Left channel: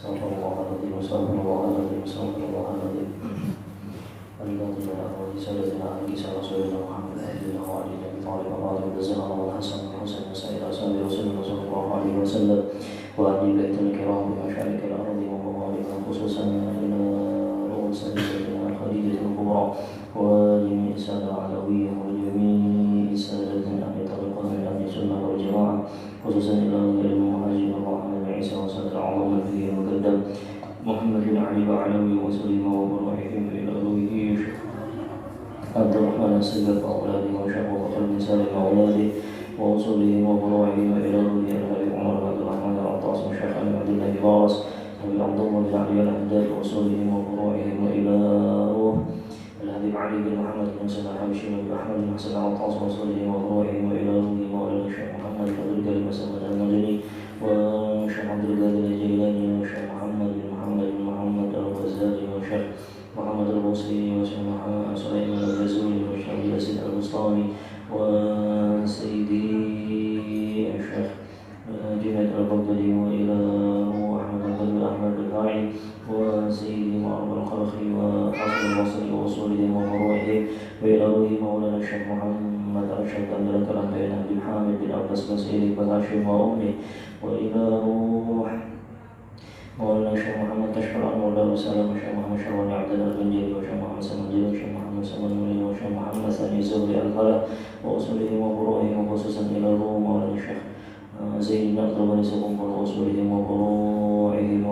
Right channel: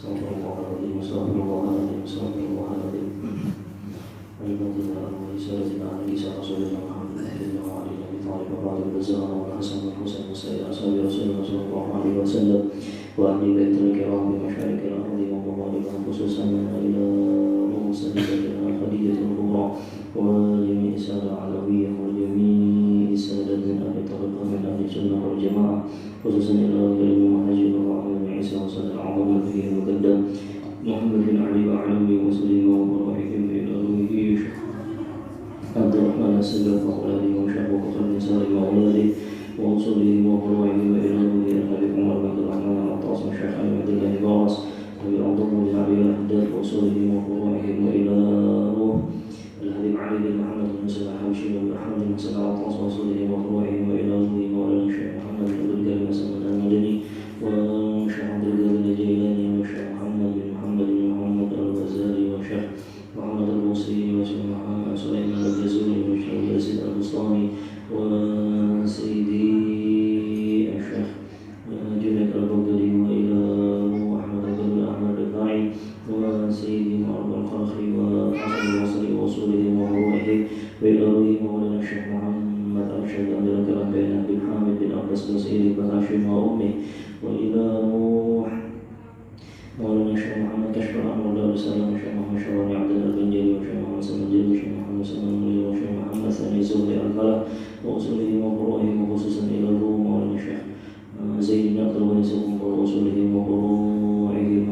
استغفر الله العظيم استغفر الله العظيم استغفر الله العظيم. الذين آمنوا بسيدنا عيسى رسولنا محمد أهلنا وعلي بن أبي طالب وفاطمة والزهراء والحسن والحسين وسائر أصحاب رسول الله صلى الله عليه وسلم وأهل بيت الكرام بمشارق الأرض ومغاربها خصوصا إلى رؤوس سيدنا خديجة الكبرى وجميع السادة العلوية وجميع السادة من أهل الطريقة من أهل السنة والجماعة خصوصا إلى المهاجر الرحمن عيسى وسادة العظام النبي المقدم محمد بن علي وعلوي وسليم وبرائهم إلى رويه عبد الرحمن السيد وأولاده وشيخ بكر بن سالم وأولاده وأصولهم وفروعهم إلى رويه الأبي عمر بن عبد الرحمن العطاس وشيخ علي عبد الله بارس وأبي عبد الله بن علي الحداد وأصولهم وفروعهم وإلى روح الحبيب علي بن محمد بن حسين الحبشي وأبي أحمد بن حسين العطاس وأصولهم وفروعهم وإلى رويه مولانا الشيخ محمد بن عبد الكريم وسلمان المدني وشيخ عبد القادر الجيلاني وشيخ محمد بن محمد الغزالي وشيخ محمد البوصيري وشيخ سليمان الغزولي وشيخ ياسين البسطامي وسيدي الشيخ جنيد البغدادي وإلى أحمد بن أحمد الرفاعي وسيدي معروف القرخي وحسن البصري وأصولهم وفروعهم وإلى روح مولانا الشيخ محمد أرشد أن ذكر بين بن حامد بن عباس بسيري وهاشم وأمه وإلى روح مولانا الشيخ محمد كشف الأنوار دار السلام والشيخ محمد شواري عبد الله البنجلي والشيخ محمد سمنجلي والشيخ محمد سمنجلي والشيخ محمد ثاني زهري الفلاح وأصولهم وفروعهم وخصوصا إلى الروم مولانا الشيخ زين بن عبد الغني سقوم وأصولهم وفروعهم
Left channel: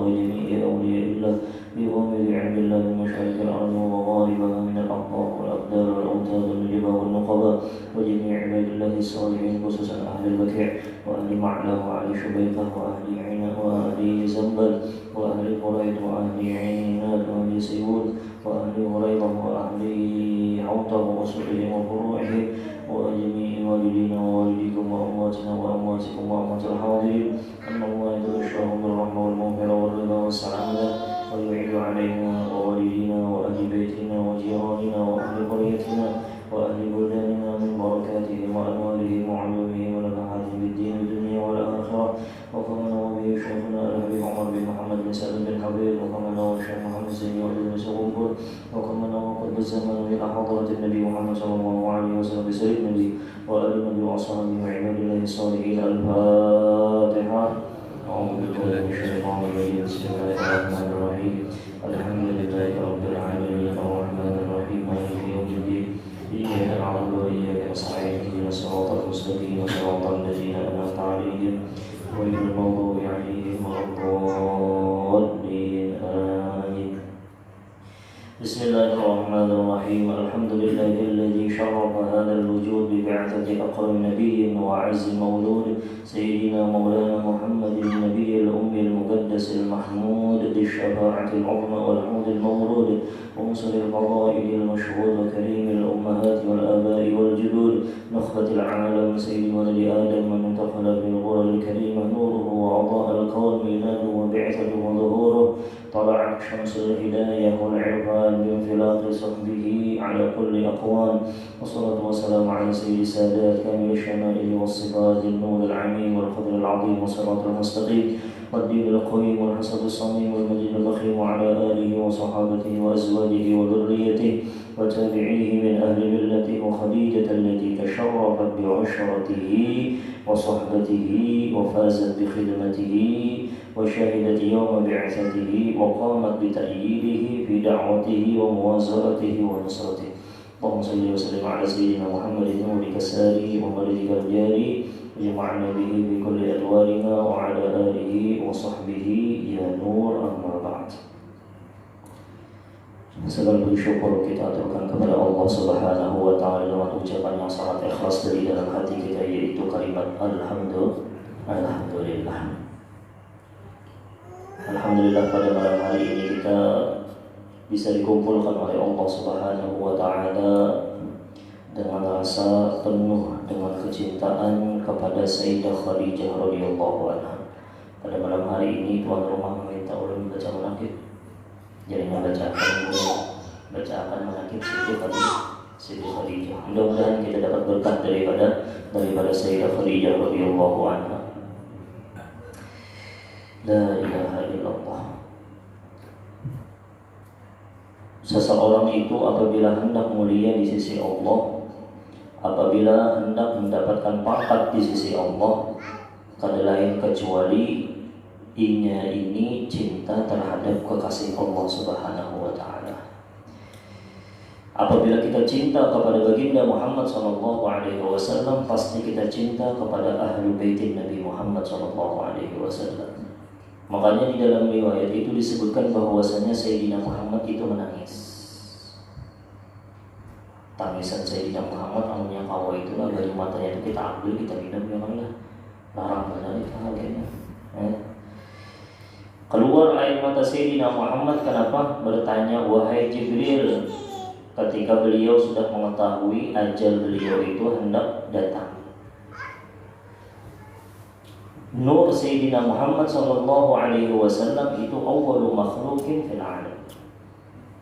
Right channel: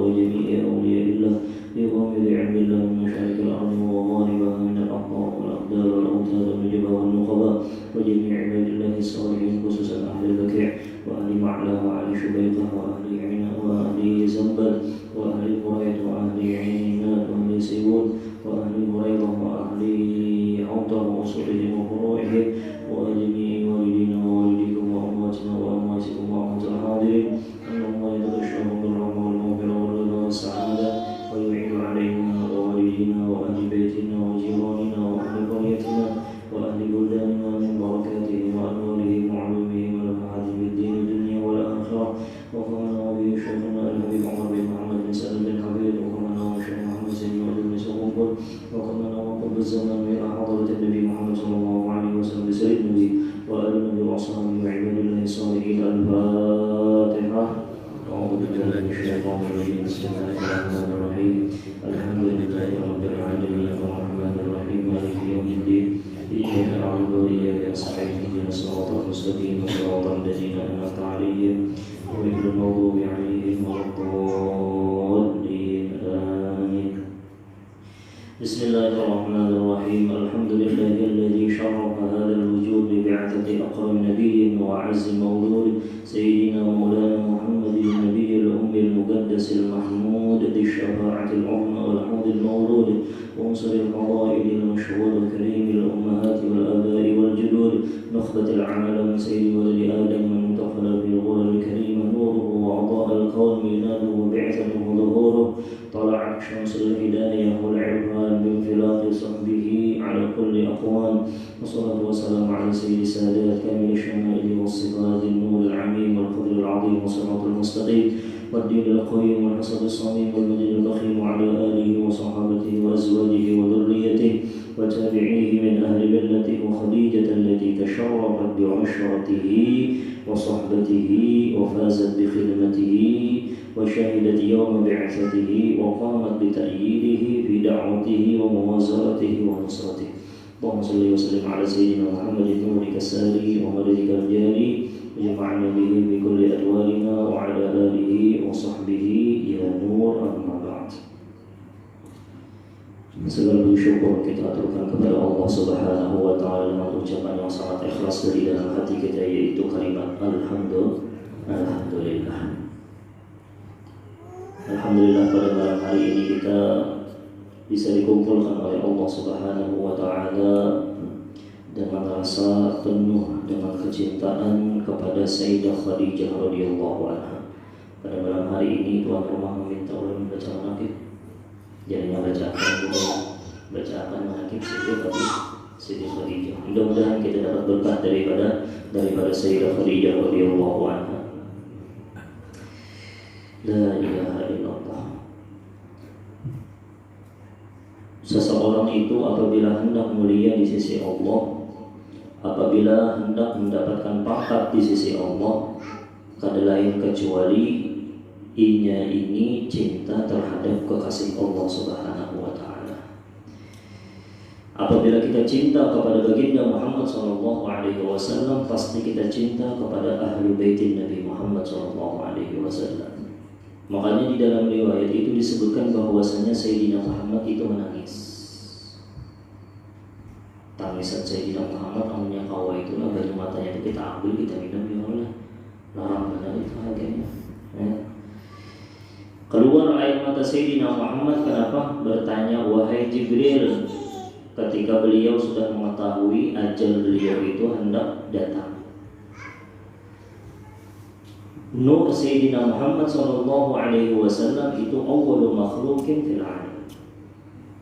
وجميع أولياء الله بغامر علم الله من مشارق الأرض ومغاربها من الأقطار والأقدار والأوتاد والنجبة والنقباء وجميع عباد الله الصالحين خصوصا أهل البكيع وأهل معلى وأهل شبيطة وأهل عنا وأهل زنبل وأهل قريض وأهل عينات وأهل سيود وأهل غريضة وأهل حوطة وأصولهم وفروعهم وجميع والدينا ووالديكم وأمواتنا وأمواتكم وأموات الحاضرين أن الله يتغشاهم بالرحمة والمغفرة والرضا والسعادة ويعيد علينا ووالدينا وأهل بيتنا وجيراننا وأهل قريتنا وأهل بلداننا من بركاته وأنواره وعلومه ونفحاته بالدين والدنيا والآخرة وكما نوى به شيخنا الحبيب عمر بن محمد بن سالم بن حبيب وكما نوى الشيخ محمد زين وعبد بن وكما نوى قطب الزمان إلى حضرة النبي محمد صلى الله عليه وسلم بسيد النبي وآل النبي وأصحابه وعباد الله الصالحين. الفاتحة. أعوذ بالله من الشيطان الرجيم. بسم الله الرحمن الرحيم. الحمد لله رب العالمين الرحمن الرحيم مالك يوم الدين إياك نعبد وإياك نستعين اهدنا الصراط المستقيم صراط الذين أنعمت عليهم غير المغضوب عليهم ولا الضالين آمين. بسم الله الرحمن الرحيم. الحمد لله الذي شرف هذا الوجود ببعثة أكرم نبي وأعز مولود سيدنا مولانا محمد النبي الأمي المقدس المحمود ذي الشفاعة العظمى والحوض المولود ومنصر الفضائل المشهود وكريم الأمهات والآباء والجدود نخبة العالم سيد ولد آدم من انتقل بالغرى الكريمة نوره وأضاء الكون ميلاده وبعثته وظهوره طلعت شمس الهداية والعرفان بانفلاق صحبه على كل أقوام والصلاة والسلام على سيد السادات كامل الشمائل والصفات النور العميم والفضل العظيم والصراط المستقيم والدين القويم والحسد الصميم والمجد الضخيم وعلى آله وصحابته وأزواجه وذريته وتابعيه من أهل ملته وخديجة التي تشرفت بعشرته وصحبته وفازت بخدمته وشهدت يوم بعثته وقامت بتأييده في دعوته وموازرته ونصرته. اللهم صل وسلم على سيدنا محمد نورك الساري ومولدك الجاري وجمعنا به بكل أدوارنا وعلى آله وصحبه يا نور. أما بعد. Segala puji syukur kita aturkan kepada Allah Subhanahu wa Ta'ala dengan ucapan yang sangat ikhlas dari dalam hati kita, yaitu kalimat Alhamdulillah. Alhamdulillah pada malam hari ini kita bisa dikumpulkan oleh Allah Subhanahu wa Ta'ala dengan rasa penuh dengan kecintaan kepada Sayyidah Khadijah radhiyallahu anha. Pada malam hari ini tuan rumah meminta ulun membaca manaqib. Jadi bacakan manaqib Siti Khadijah. Mudah-mudahan kita dapat berkat daripada Sayyidah Khadijah radhiyallahu anha. La ilaha illallah. Allah. Seseorang itu apabila hendak mulia di sisi Allah, apabila hendak mendapatkan pangkat di sisi Allah, kada lain kecuali inya ini cinta terhadap kekasih Allah Subhanahu wa taala. Apabila kita cinta kepada baginda Muhammad sallallahu alaihi wasallam, pasti kita cinta kepada ahlu baitin Nabi Muhammad sallallahu alaihi wasallam. Makanya di dalam riwayat itu disebutkan bahwasanya Sayyidina Muhammad itu menangis. Tangisan Sayyidina Muhammad anunya kawa itulah dari matanya itu kita ambil, kita minum, ya Allah. Larang benar itu halnya. Keluar air mata Sayyidina Muhammad. Kenapa? Bertanya, wahai Jibril, ketika beliau sudah mengetahui ajal beliau itu hendak datang. Nur Sayyidina Muhammad sallallahu alaihi wasallam itu awwalu makhluqin fil alam.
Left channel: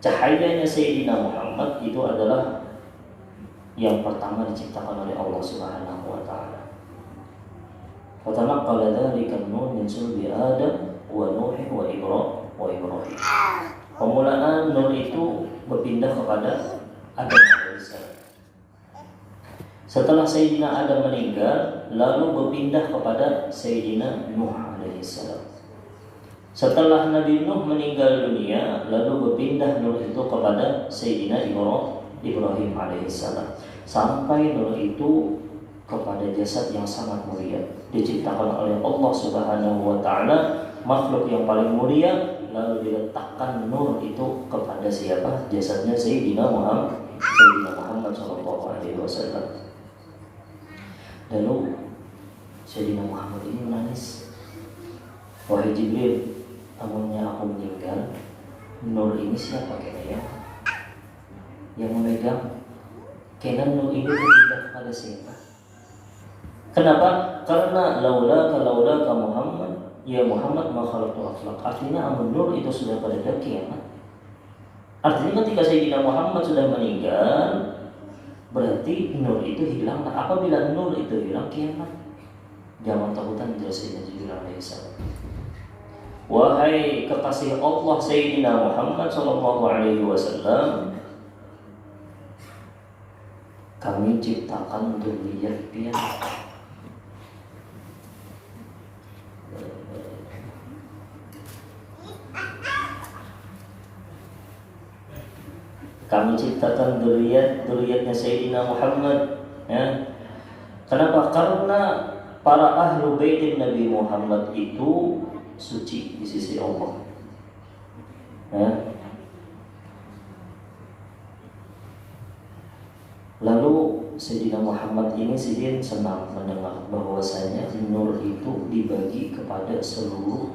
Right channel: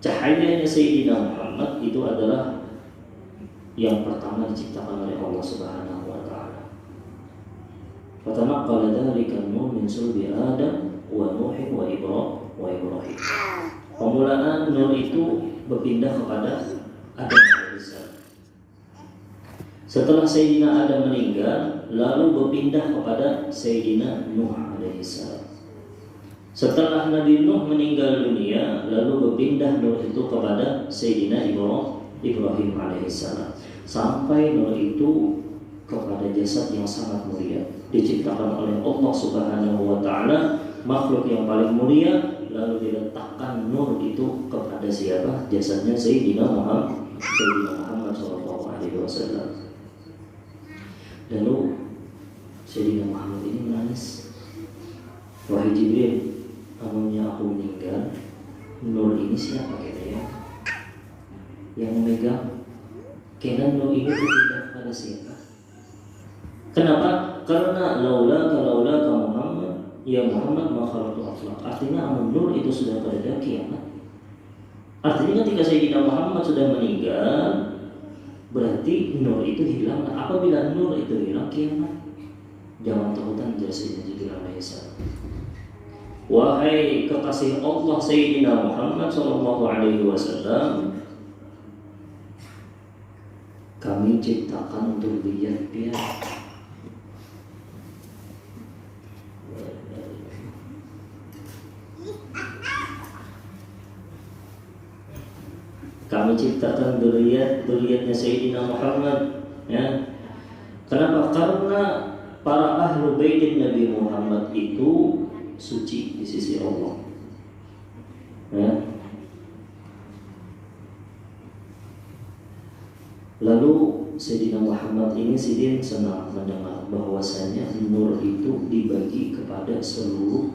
Cahayanya Sayyidina Muhammad itu adalah yang pertama diciptakan oleh Allah Subhanahu wa taala. Fatanaqqala dzalika an-nur min sulbi Adam wa Nuh wa Ibrahim. Pemulaan nur itu berpindah kepada Adam alaihissalam. Setelah Sayyidina Adam meninggal, lalu berpindah kepada Sayyidina Nuh alaihissalam. Setelah Nabi Nuh meninggal dunia, lalu berpindah nur itu kepada Sayyidina Ibrahim alaihissalam. Sampai nur itu kepada jasad yang sangat mulia, diciptakan oleh Allah Subhanahu wa taala, makhluk yang paling mulia, lalu diletakkan nur itu kepada siapa? Jasadnya Sayyidina Muhammad sallallahu alaihi wasallam. Lalu Sayyidina Muhammad ini menangis, wahai Jibril, amunnya aku meninggal, nur ini siapa kira yang memegang? Kena nur ini berpindah kepada siapa? Kenapa? Karena laulaka Muhammad, ya Muhammad makhluk akhlak. Artinya amun nur itu sudah pada kiamat. Artinya ketika Sayyidina Muhammad sudah meninggal, berarti nur itu hilang. Apabila nur itu hilang, kiamat. Jangan takutan jelasnya Jibril alaihissalam. Wahai kekasih Allah Sayyidina Muhammad sallallahu alaihi wasallam, kami ciptakan dzurriyyah. Kami ciptakan dzurriyyatnya Sayyidina Muhammad, ya. Kenapa? Karena para ahlu baitin Nabi Muhammad itu suci di sisi Allah, ya. Lalu Sayyidina Muhammad ini sidin senang mendengar bahwasanya nur itu dibagi kepada seluruh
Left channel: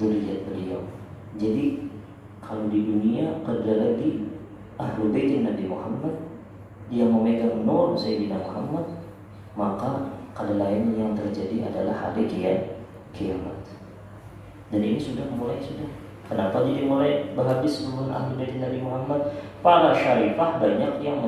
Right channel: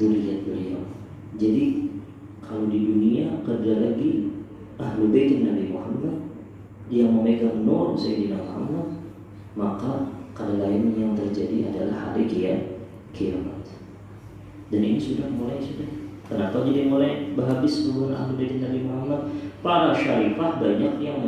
dzurriyyat beliau. Jadi kalau di dunia ada lagi ahlu baitin Nabi Muhammad yang memegang nur Sayyidina Muhammad, maka kada lain yang terjadi adalah hari kiamat. Dan ini sudah. Kenapa jadi mulai berhabis hubungan ahlu baitin Nabi Muhammad? Para syarifah banyak yang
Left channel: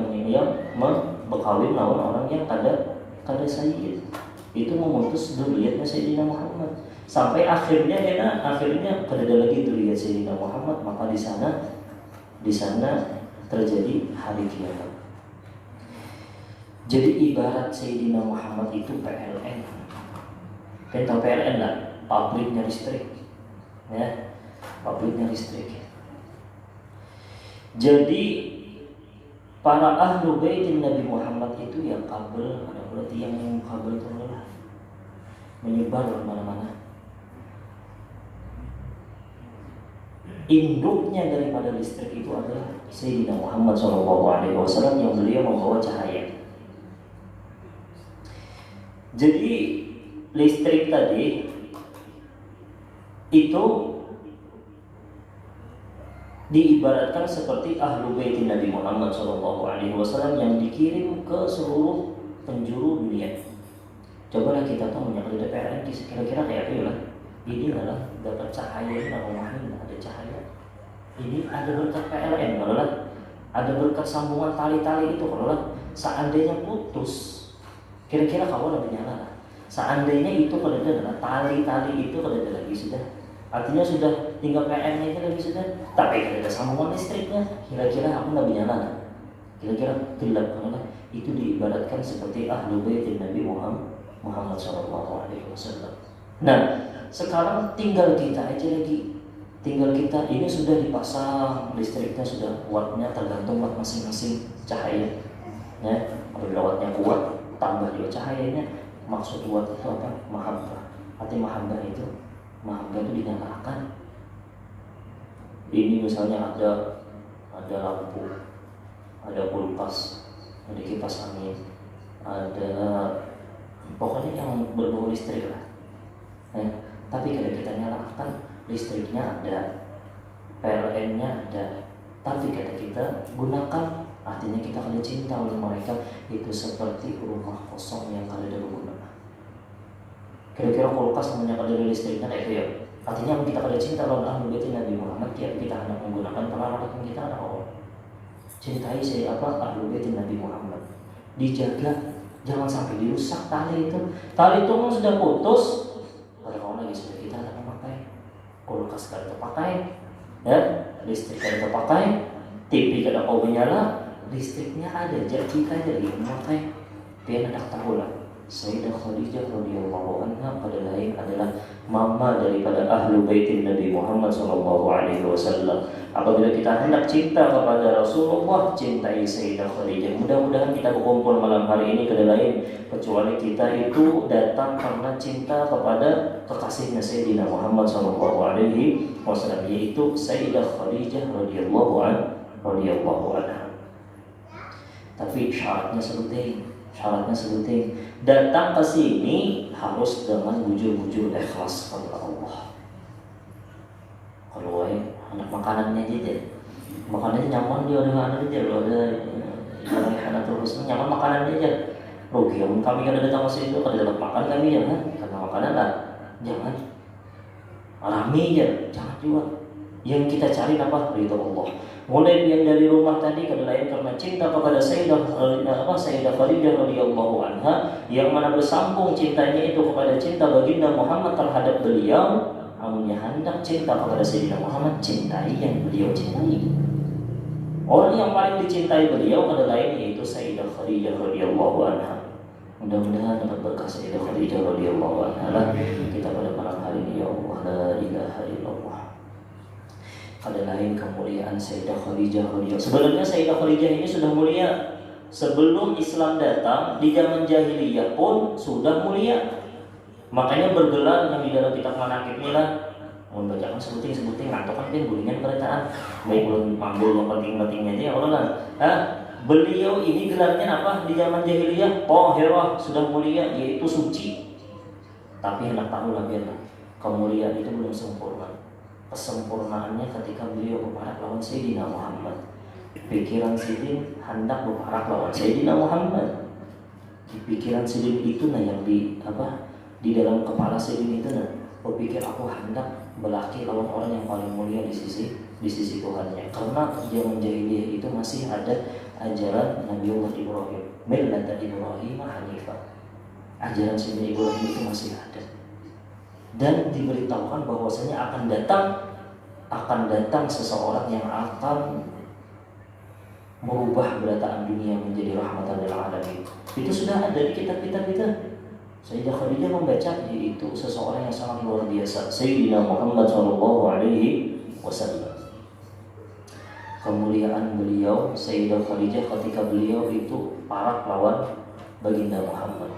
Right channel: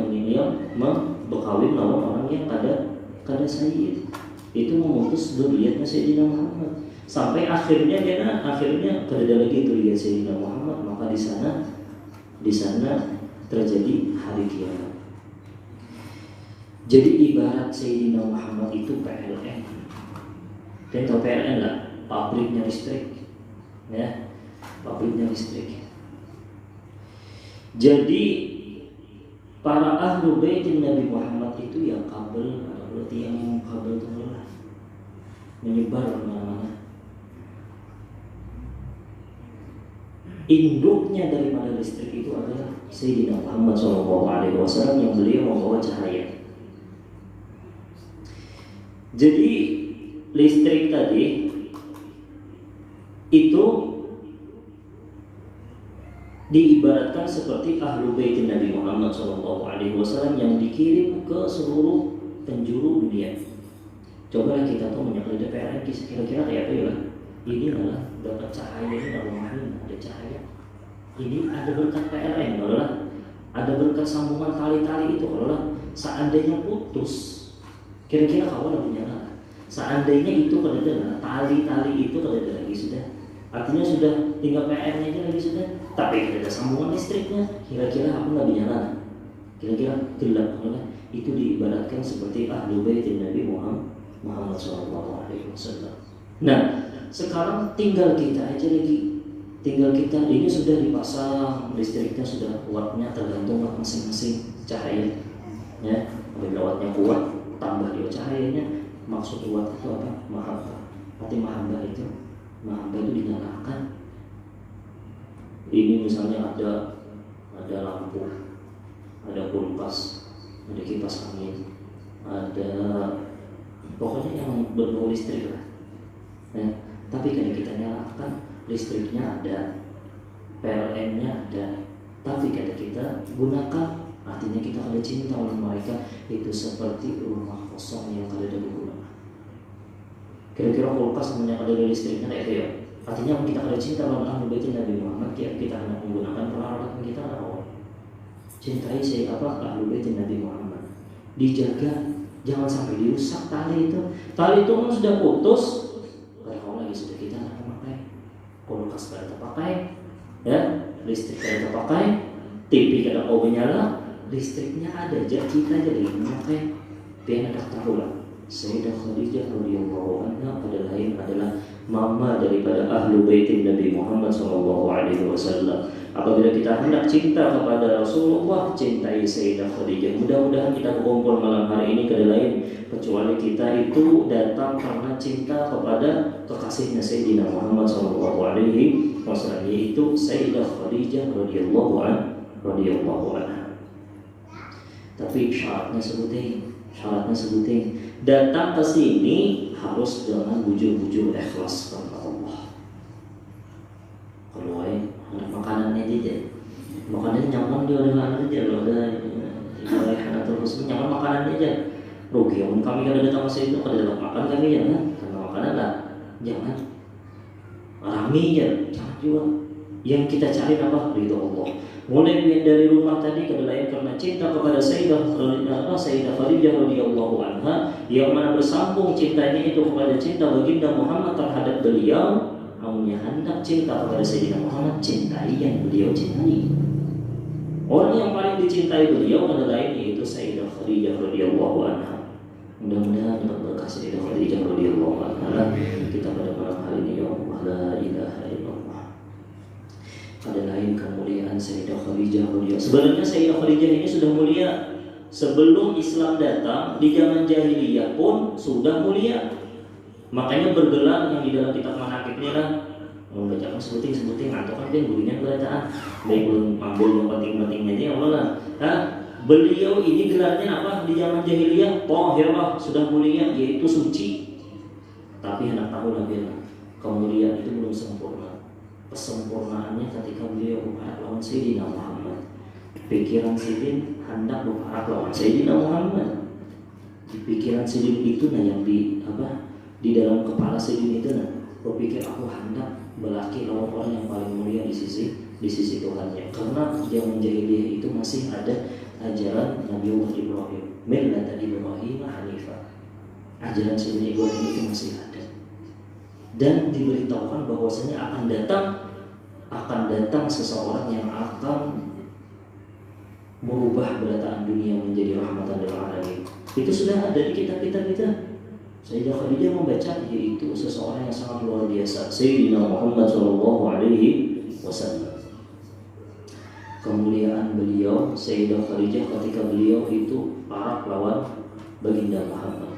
berkawin lawan orang yang kada sayyid. Itu memutus dzurriyyatnya Sayyidina Muhammad. Sampai akhirnya kada ada lagi dzurriyyat Sayyidina Muhammad, maka di sana terjadi hari kiamat. Jadi ibarat Sayyidina Muhammad itu PLN. Dan tahu PLN lah, pabriknya listrik, ya, pabriknya listrik. Jadi para ahlu baitin Nabi Muhammad itu yang kabel, berarti yang kabel itu menyebar kemana-mana. Induknya daripada listrik itu adalah Sayyidina Muhammad SAW yang beliau membawa cahaya. Jadi listrik tadi itu diibaratkan seperti ahlu baitin Nabi Muhammad SAW yang dikirim ke seluruh penjuru dunia. Cobalah kita tahu menyangkut PLN kira-kira kayak apa ya? Ini adalah berkat cahaya, ini ada cahaya. Ini ada berkat PLN, ada berkat sambungan tali-tali itu. Kalau seandainya putus, kira-kira kawan lebih nyala. Seandainya itu kada ada tali-tali itu kada ada lagi, sudah Artinya sudah tinggal PN aja lagi sudah. Tapi tidak ada sambungan listriknya. Kira-kira apa nggak nyala? Kira-kira gelap karena itu diibaratkan seperti ahlu bait Nabi Muhammad SAW. Nah, sekarang tinggal kita aja lagi. Tinggal kita ini sudah dipasang listriknya, sudah wattnya tergantung watt masing-masing cahaya. Ya, apabila wattnya kuat, tambah juga cahayanya. Maksud watt itu apa? Mahabbah. Arti mahabbah itu dinyalakan. Ini misalnya ada lampu, ada kulkas, ada kipas angin, ada pokoknya yang berbau listrik lah. Ya, tapi kalau kita nyalakan listriknya ada, PLN-nya ada, tapi kalau kita gunakan, artinya kita ada cinta untuk mereka. Itu seperti rumah kosong yang kada ada berguna. Kira-kira kulkas namanya kada ada listriknya itu ya. Artinya kita ada cinta lawan ahlu bait Nabi Muhammad, kita hendak menggunakan peralatan kita Allah. Cintai ahlu bait Nabi Muhammad. Dijaga, jangan sampai dirusak tali itu. Tali itu kan sudah putus, kalau lagi sudah kita hendak memakai. Kulkas kada terpakai, ya, listrik kada terpakai, TV kada mau menyala, listriknya ada, jadi kita jadi memakai. Dia hendak tahu lah. Sayyidah Khadijah radhiyallahu anha pada lain adalah mama daripada ahlu baitin Nabi Muhammad SAW. Apabila kita hendak cinta kepada Rasulullah, cintai Sayyidah Khadijah. Mudah-mudahan kita berkumpul malam hari ini kada lain kecuali kita itu datang karena cinta kepada kekasihnya Sayyidina Muhammad SAW, yaitu Sayyidah Khadijah radhiyallahu anha. Tapi syaratnya sebutin. Datang ke sini harus dengan bujur-bujur ikhlas kepada Allah. Kalau anak makanannya aja, makanannya nyaman dia udah aja, lo ada ibadah terus nyaman makanannya aja. Rugi om kami kada datang ke situ kada dapat makan kami jangan karena makanan lah, jangan alami aja, jangan juga. Yang kita cari apa? Ridho Allah. Mulai dari rumah tadi kada lain karena cinta kepada Sayyidah Khadijah radhiyallahu anha, yang mana bersambung cintanya itu kepada cinta baginda Muhammad terhadap beliau. Amunnya hendak cinta kepada Sayyidina Muhammad, cintai yang beliau cintai. Orang yang paling dicintai beliau ada lain yaitu Sayyidah Khadijah radhiyallahu anha. Mudah-mudahan dapat berkah Sayyidah Khadijah radhiyallahu anha kita pada malam hari ini. Ya Allah, la ilaha illallah. Ada lain kemuliaan Sayyidah Khadijah radhiyallahu. Sebenarnya Sayyidah Khadijah ini sudah mulia sebelum Islam datang. Di zaman jahiliyah pun sudah mulia. Makanya bergelar yang di dalam kitab manaqib ini lah. Mun bacakan sebuting atau kan gulingan beritaan. Baik belum mambul yang penting-pentingnya aja Allah lah. Beliau ini gelarnya apa di zaman jahiliyah? Thahirah, sudah mulia, yaitu suci. Tapi hendak tahu lah biar kemuliaan itu belum sempurna. Kesempurnaannya ketika beliau berharap lawan Sayyidina Muhammad. Pikiran Sidin hendak berharap lawan Sayyidina Muhammad. Di pikiran Sidin itu yang di dalam kepala Sidin itu berpikir aku hendak berlaki lawan orang yang paling mulia di sisi Tuhannya. Karena zaman jahiliyah itu masih ada ajaran Nabiullah Ibrahim, millata Ibrahim hanifah. Ajaran Sayyidina Ibrahim itu masih ada. Dan diberitahukan bahwasanya akan datang seseorang yang akan merubah belataan dunia menjadi rahmatan lil alamin. Itu sudah ada di kitab-kitab kita. Sayyidah Khadijah membaca yaitu seseorang yang sangat luar biasa, Sayyidina Muhammad SAW. Kemuliaan beliau Sayyidah Khadijah ketika beliau itu parah lawan baginda Muhammad.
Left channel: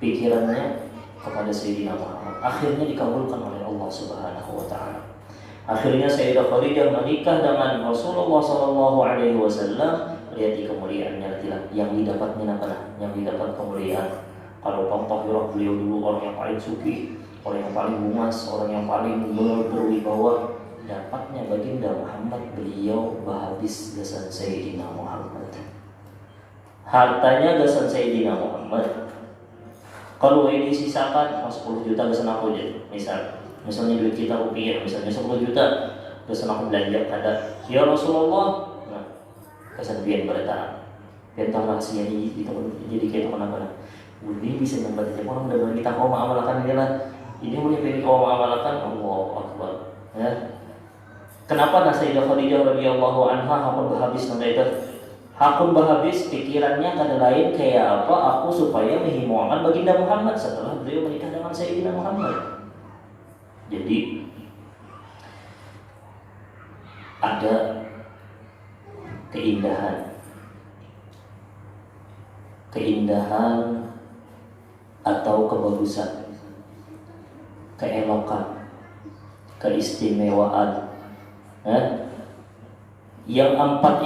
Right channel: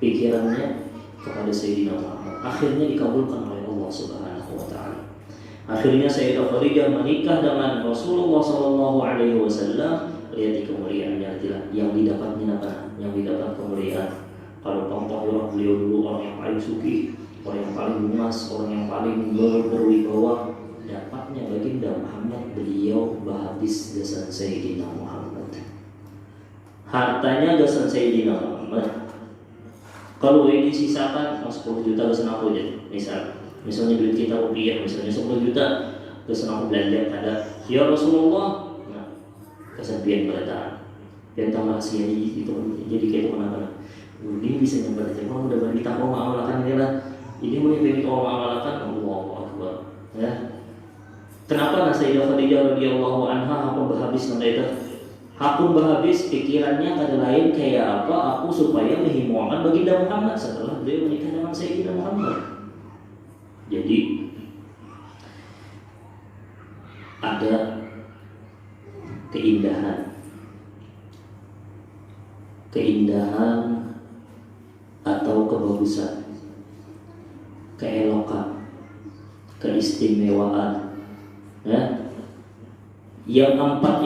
Pikirannya kepada Sayyidina Muhammad akhirnya dikabulkan oleh Allah Subhanahu wa taala. Akhirnya Sayyidah Khadijah menikah dengan Rasulullah SAW. Lihat di kemuliaannya yang didapatnya apa? Yang didapat kemuliaan. Kalau Tahirah beliau dulu orang yang paling suci, orang yang paling luas, orang yang paling berwibawa. Dapatnya baginda Muhammad, beliau habis gasan Sayyidina Muhammad. Hartanya gasan Sayyidina Muhammad. Kalau ini sisakan 10 juta gasan aku aja. Misalnya beli kita rupiah, misalnya 10 juta gasan aku belanja ada. Ya Rasulullah, gasan pian berataan. Pian tambah sia jadi kayak mana-mana. Ini bisa dapat aja orang udah kita mau mengamalkan dia lah. Ini mau yang kau mengamalkan, Allahu Akbar. Kenapa Sayyidah Khadijah radhiyallahu anha hakun berhabis nanti itu? Hakun berhabis pikirannya kada lain kayak apa? Aku supaya menghimoakan baginda Muhammad setelah beliau menikah dengan Sayyidina Muhammad. Jadi ada keindahan atau kebagusan, keelokan, keistimewaan. Yang empat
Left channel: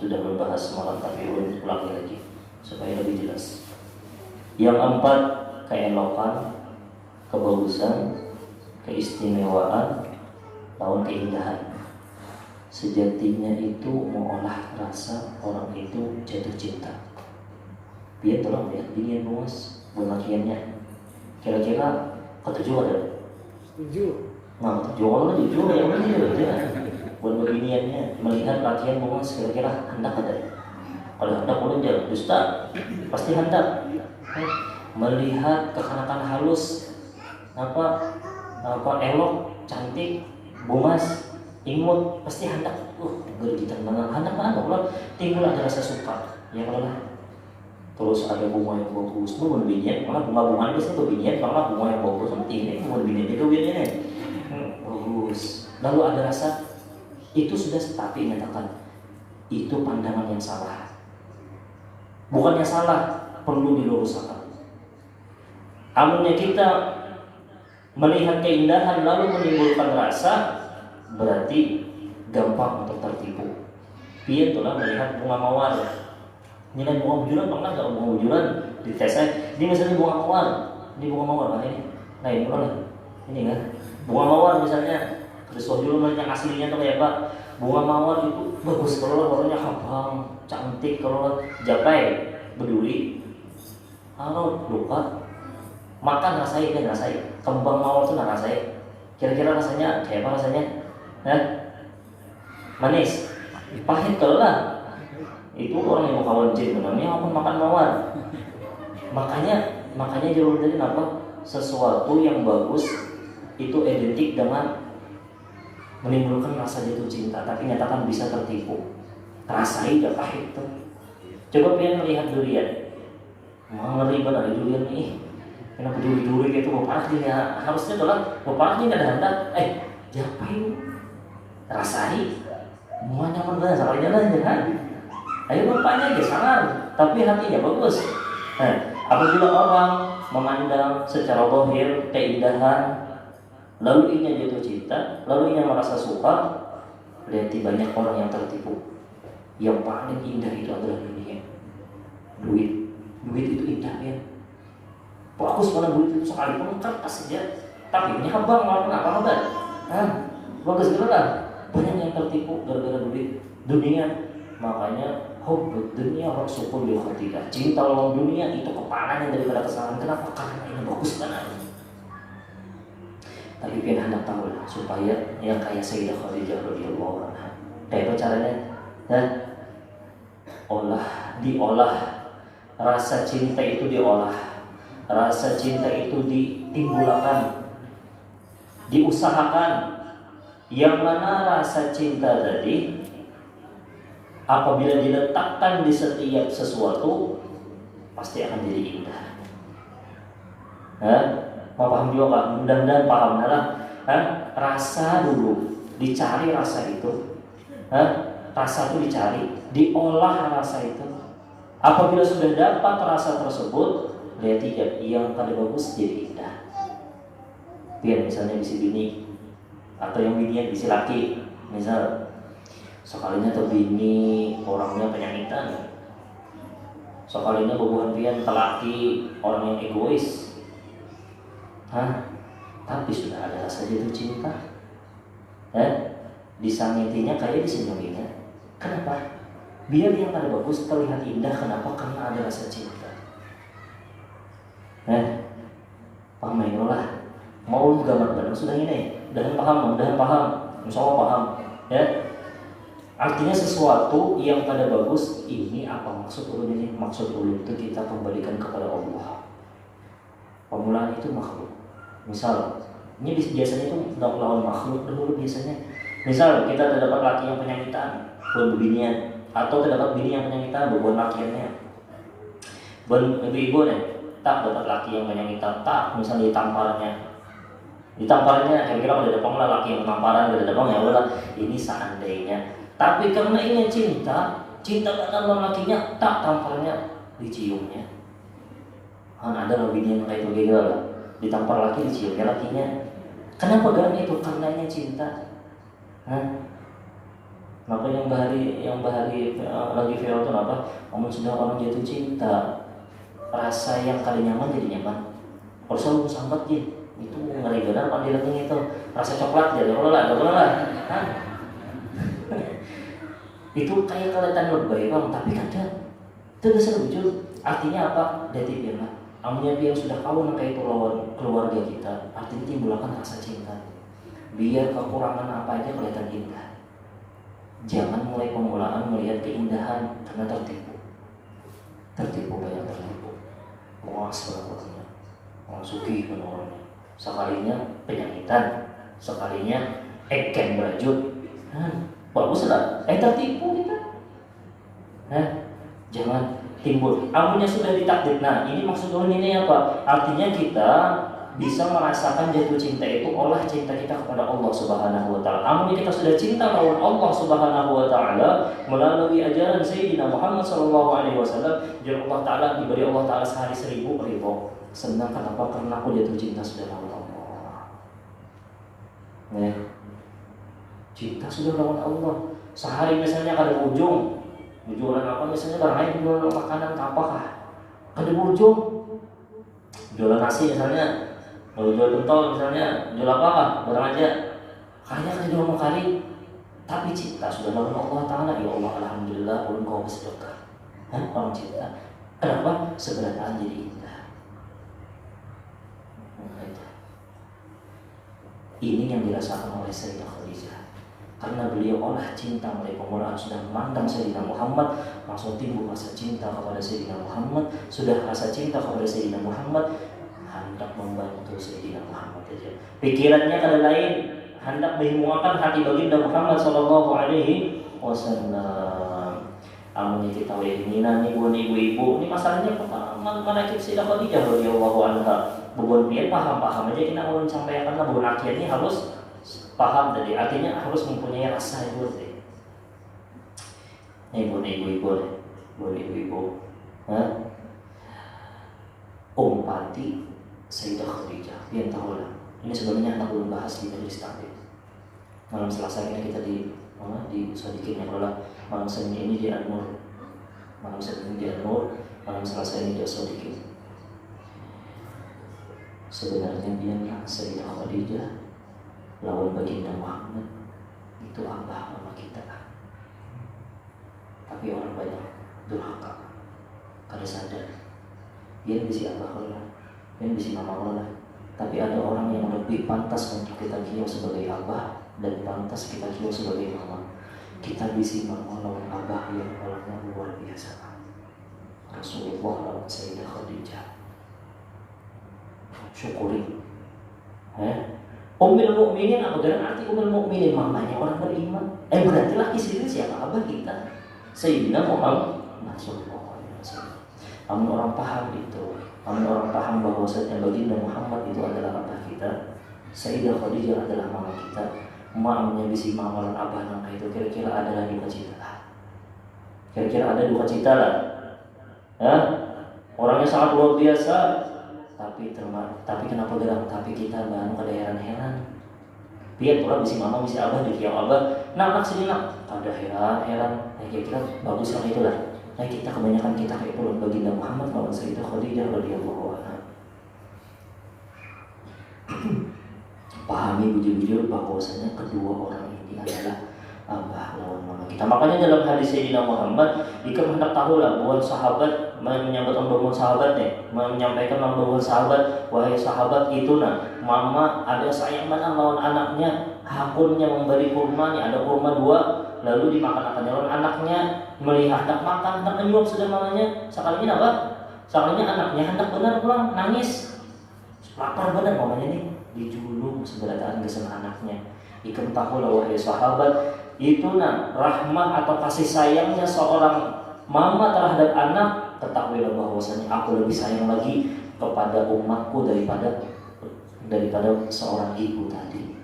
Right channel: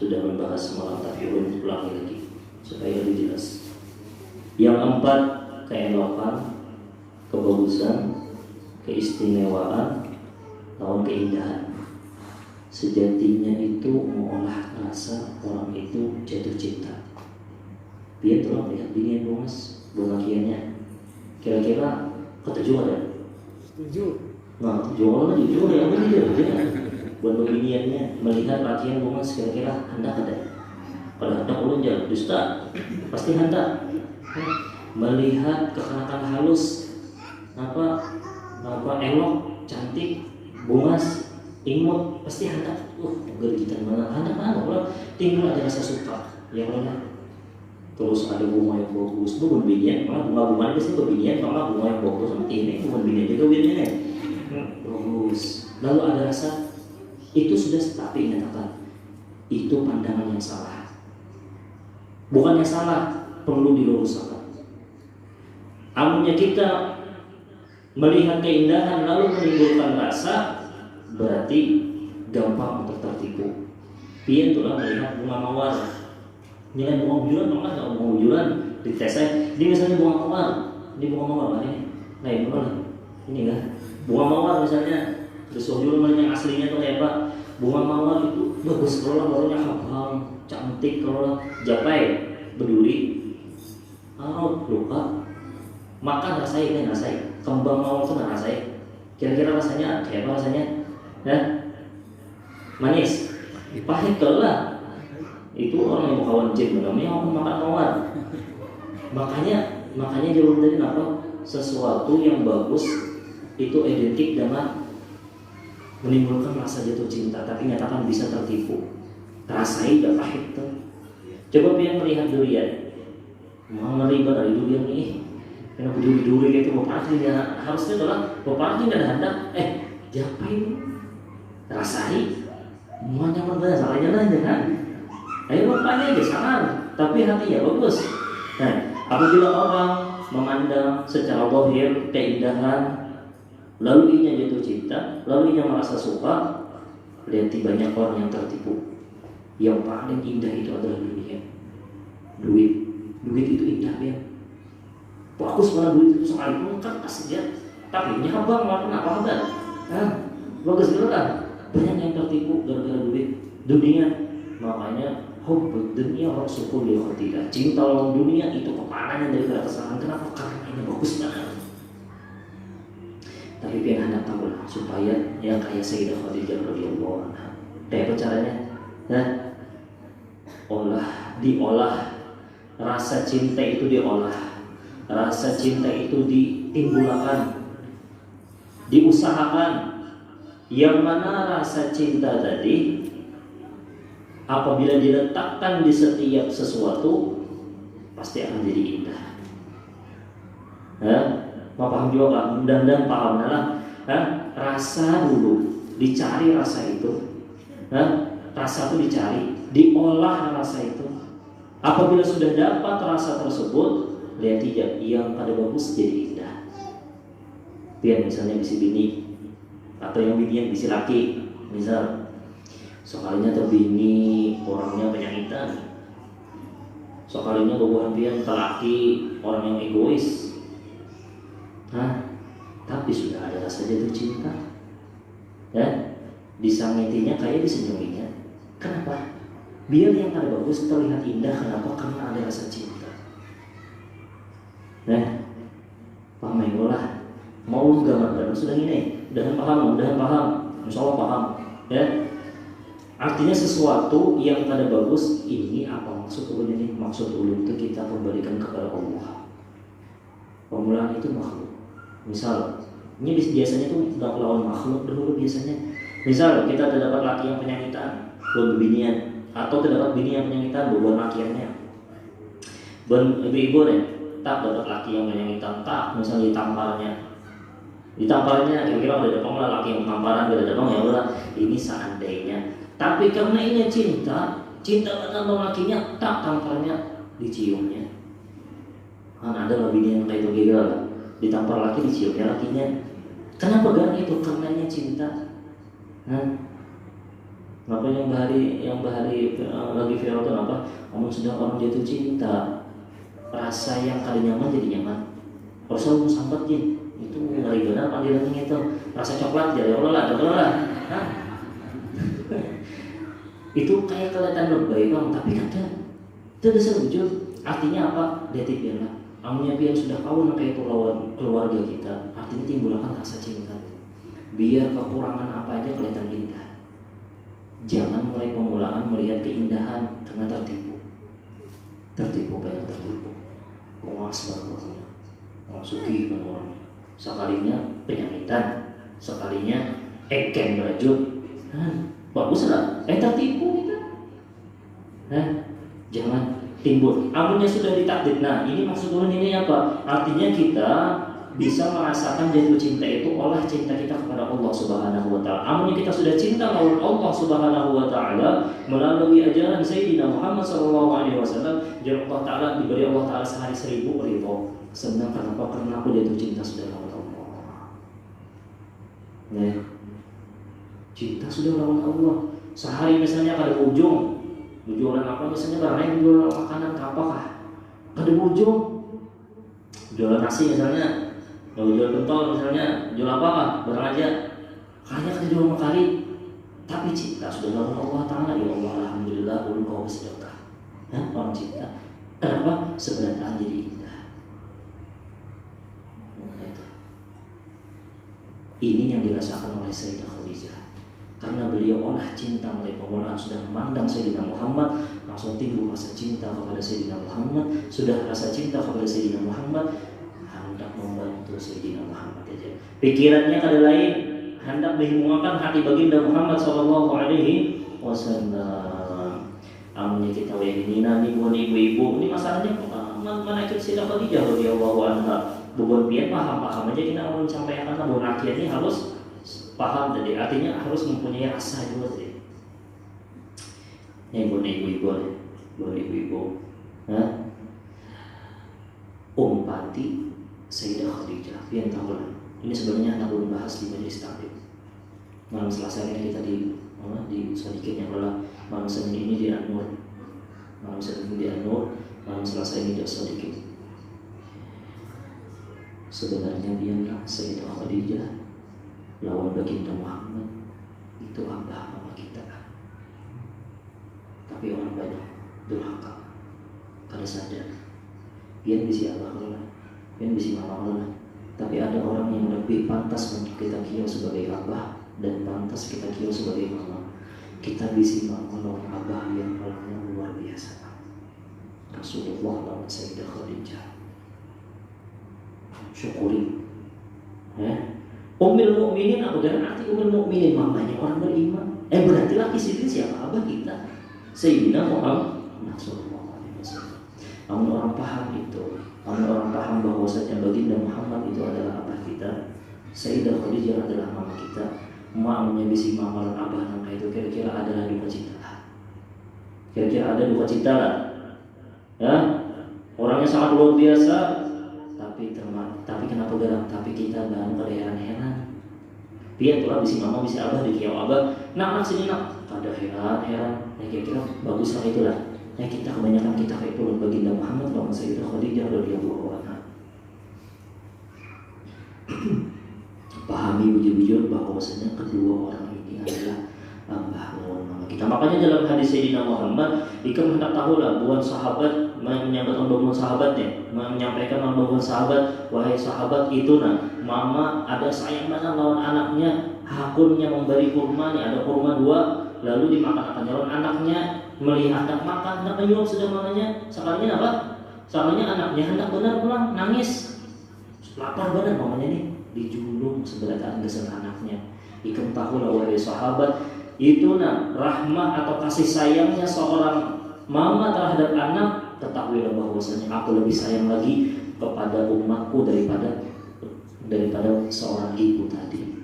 sudah membahas semalam, tapi ulangi lagi supaya lebih jelas. Yang empat, keelokan, kebagusan, keistimewaan, lawan keindahan. Sejatinya itu mengolah rasa orang itu jatuh cinta. Biar tolong lihat begini Mas, pengakiannya. Kira-kira ketujuh ada? Setuju. Nah, jualan jujur ya begitu ya. Buat beginiannya melihat pakaian bunga kira-kira hendak ada. Kalau hendak ulun jangan dusta, pasti hendak. Melihat kekanakan halus, apa elok, cantik, bungas, imut, pasti hendak. Gergitan mana kalau timbul ada rasa suka, ya Allah. Terus ada bunga yang bagus, bukan binian, malah bunga-bunga biasanya berbinian, malah bunga yang bagus, ini bukan binian juga binian. Bagus. Lalu ada rasa itu sudah, tapi nyatakan itu pandangan yang salah. Bukannya salah, perlu diluruskan. Amunnya kita melihat keindahan lalu menimbulkan rasa, berarti gampang untuk tertipu. Dia itulah melihat bunga mawar. Ini kan bunga bujuran, bang nggak bunga bujuran di tesnya. Dia misalnya bunga mawar, ini bunga mawar ini. Nah ini benar, ini kan bunga mawar misalnya. Terus yang aslinya tuh kayak apa? Bunga mawar itu bagus kalau lah warnanya abang, cantik kalau lah japai, berduri. Kalau lupa makan rasanya kan rasanya. Kembang mawar itu nggak rasanya. Kira-kira rasanya kayak apa rasanya? Manis, pahit kalau lah. Itu orang yang mau kawan jin namanya apa makan mawar. Makanya jauh dari apa? Sesuatu yang bagus itu identik dengan menimbulkan rasa jatuh cinta, tapi nyatakan bisa tertipu. Rasanya gak pahit tuh. Coba biar melihat durian, ngeri banget durian nih. Kenapa duri-duri gitu bapak ya? Harusnya adalah bapak ini ada hendak, japai rasanya, mau nyaman banget, salahnya aja kan? Ayo bapaknya aja sangat, tapi hatinya bagus. Apabila orang memandang secara zahir keindahan, lalu inya jatuh cinta, lalu inya merasa suka, lihat banyak orang yang tertipu. Yang paling indah itu adalah dunia. Duit itu indah ya. Bagus banget duit itu sekali pun kan pasti dia. Tapi ini abang malah kenapa kan? Bagus gitu kan? Banyak yang tertipu gara-gara duit dunia. Makanya hubbud dunia rasulul khati'ah. Cinta lawan dunia itu kepanan yang daripada kesalahan. Kenapa? Karena ini bagus banget. Tapi biar anda tahu lah, supaya yang kayak Sayyidah Khadijah radhiyallahu anha. Kayak apa caranya? Diolah rasa cinta itu, diolah rasa cinta itu, ditimbulkan, diusahakan. Yang mana rasa cinta tadi apabila diletakkan di setiap sesuatu pasti akan jadi indah. Paham juga nggak? Mudah-mudahan paham lah. Rasa dulu dicari rasa itu, rasa itu dicari, diolah rasa itu. Apabila sudah dapat rasa tersebut, lihat tidak yang pada bagus jadi indah. Biar misalnya bisi bini atau yang bininya bisi laki, misal sekalinya terbini orangnya penyakitan, sekalinya bobohan pian telaki orang yang egois. Tapi sudah ada rasa jatuh cinta. Disangitinya kayak disenyuminya. Kenapa? Biar yang pada bagus terlihat indah. Kenapa? Karena ada rasa cinta. Paham ya lah. Mau gambar baru sudah ini. Udah paham. Insya Allah paham. Artinya sesuatu yang pada bagus ini apa maksud ulun ini? Maksud ulun itu kita kembalikan kepada Allah. Pemulaan itu makhluk. Misal Ini biasanya tuh lawan makhluk dulu biasanya. Misal kita terdapat laki yang penyakitan, buat binian, atau terdapat bini yang penyakitan, buat lakiannya. Buat ibu-ibu nih, tak dapat laki yang penyakitan, tak misalnya ditamparnya kira-kira udah depan lah laki yang penamparan udah depan ya udah ini seandainya. Tapi karena ini cinta benar sama lakinya, tak tamparnya diciumnya. Ada loh bini yang kayak itu juga, ditampar laki diciumnya lakinya. Kenapa dengan itu? Karenanya cinta. Maka yang bahari lagi viral itu apa? Omong sudah orang jatuh cinta, rasa yang kali nyaman jadi nyaman. Kalau selalu sambat gitu, itu ngeri benar pandilangnya itu. Rasa coklat jadi Allah lah. Itu kayak kelihatan lebay bang, tapi kadang itu bisa lucu. Artinya apa? Detipillah. Amunya biar sudah kawan kayak itu lawan keluarga kita, artinya timbulkan rasa cinta. Biar kekurangan apa aja kelihatan indah. Jangan mulai pemulaan melihat keindahan karena tertipu banyak tertipu. Wah sebagainya, masuki benar. Sekalinya penyakitan, sekalinya eken berajut. Bagus lah, tertipu kita. Jangan timbul. Amunnya sudah ditakdir. Nah, ini maksudnya ini apa? Artinya kita bisa merasakan jatuh cinta itu olah cinta kita kepada Allah Subhanahu wa taala. Amunnya kita sudah cinta kepada Allah Subhanahu wa taala melalui ajaran Sayyidina Muhammad sallallahu alaihi wasallam, jadi Allah taala diberi Allah taala sehari 1000 ridho. Senang kenapa? Karena aku jatuh cinta sudah lawan Allah. Cinta sudah lawan Allah. Sehari misalnya ada ujung jualan apa misalnya barang lain jualan makanan apakah ada ujung jualan nasi misalnya, kalau jual pentol misalnya, jual apa barang aja kayaknya kan jual makari, tapi cinta sudah lawan Allah taala. Ya Allah alhamdulillah ulun kau bersedekah. Orang cinta kenapa? Seberataan jadi indah. Ini yang dirasakan oleh Sayyidah Khadijah. Karena beliau olah cinta mulai pemulaan sudah memandang Sayyidina Muhammad, langsung timbul rasa cinta kepada Sayyidina Muhammad. Sudah rasa cinta kepada Sayyidina Muhammad, hendak membantu Sayyidina Muhammad aja. Pikirannya kali lain, hendak menghilangkan hati baginda Muhammad sallallahu alaihi wasallam. Amunnya kita wayangina nih buat ibu-ibu, ini masalahnya mana Sayyidah Khadijah radhiyallahu anha. Bukan dia paham aja kita mau sampaikan karena bukan akhirnya harus paham tadi, artinya harus mempunyai rasa itu tadi. Ini buat ibu-ibu, Umpati Sayyidah Khadijah, yang tahu lah. Ini sebenarnya anak belum bahas di majelis taklim. Malam Selasa ini kita di sedikitnya kalau malam Senin ini di An-Nur, malam Selasa ini di sedikit. Sebenarnya dia Sayyidah Khadijah lawan baginda Muhammad itu abah mama kita. Tapi orang banyak durhaka kada sadar dia bisa abah Allah, dia bisa mama Allah. Tapi ada orang yang lebih pantas untuk kita kira sebagai abah dan pantas kita kira sebagai mama. Kita bisa mama lawan abah yang orangnya luar biasa. Rasulullah lawan Sayyidah Khadijah. Syukuri. Ummul mukminin, aku dalam arti ummul mukminin mamanya orang beriman. Berarti laki sini siapa abah kita? Sayyidina Muhammad sallallahu alaihi wasallam. Amun orang paham itu, amun orang paham bahwasanya baginda Muhammad itu adalah abah kita, Sayyidah Khadijah adalah mama kita. Mamanya bisi mama dan abah nang itu kira-kira ada lagi duka cita lah. Kira-kira ada duka cita lah. Orangnya sangat luar biasa. Tapi kenapa gerak? Tapi kita bahan pada heran-heran. Biar pula bisi mama bisi abah di kiau abah. Nak sini nak. Ada heran. Kira-kira bagus lah itulah. Kita kebanyakan kita kayak itu baginda Muhammad lawan Sayyidah Khadijah radhiyallahu anha. Pahami bujur-bujur bahwasanya kedua orang ini adalah abah lawan mama kita. Makanya dalam hadis Sayyidina Muhammad, jika hendak tahu lah buat sahabat menyampaikan bangun sahabatnya, menyampaikan bangun sahabat, wahai sahabat itu mama ada sayang banget lawan anaknya, hakunnya memberi kurma nih, ada kurma 2, lalu dimakan akan lawan anaknya, melihat hendak makan, hendak menyuap sudah mamanya, sekalinya apa? Sekalinya anaknya hendak benar pulang nangis, lapar benar mamanya nih, dijulung seberadaan gesan anaknya. Ikem tahulah wahai sahabat, itu rahmah atau kasih sayangnya seorang mama terhadap anak, ketahuilah bahwasanya aku lebih sayang lagi kepada umatku daripada seorang ibu tadi.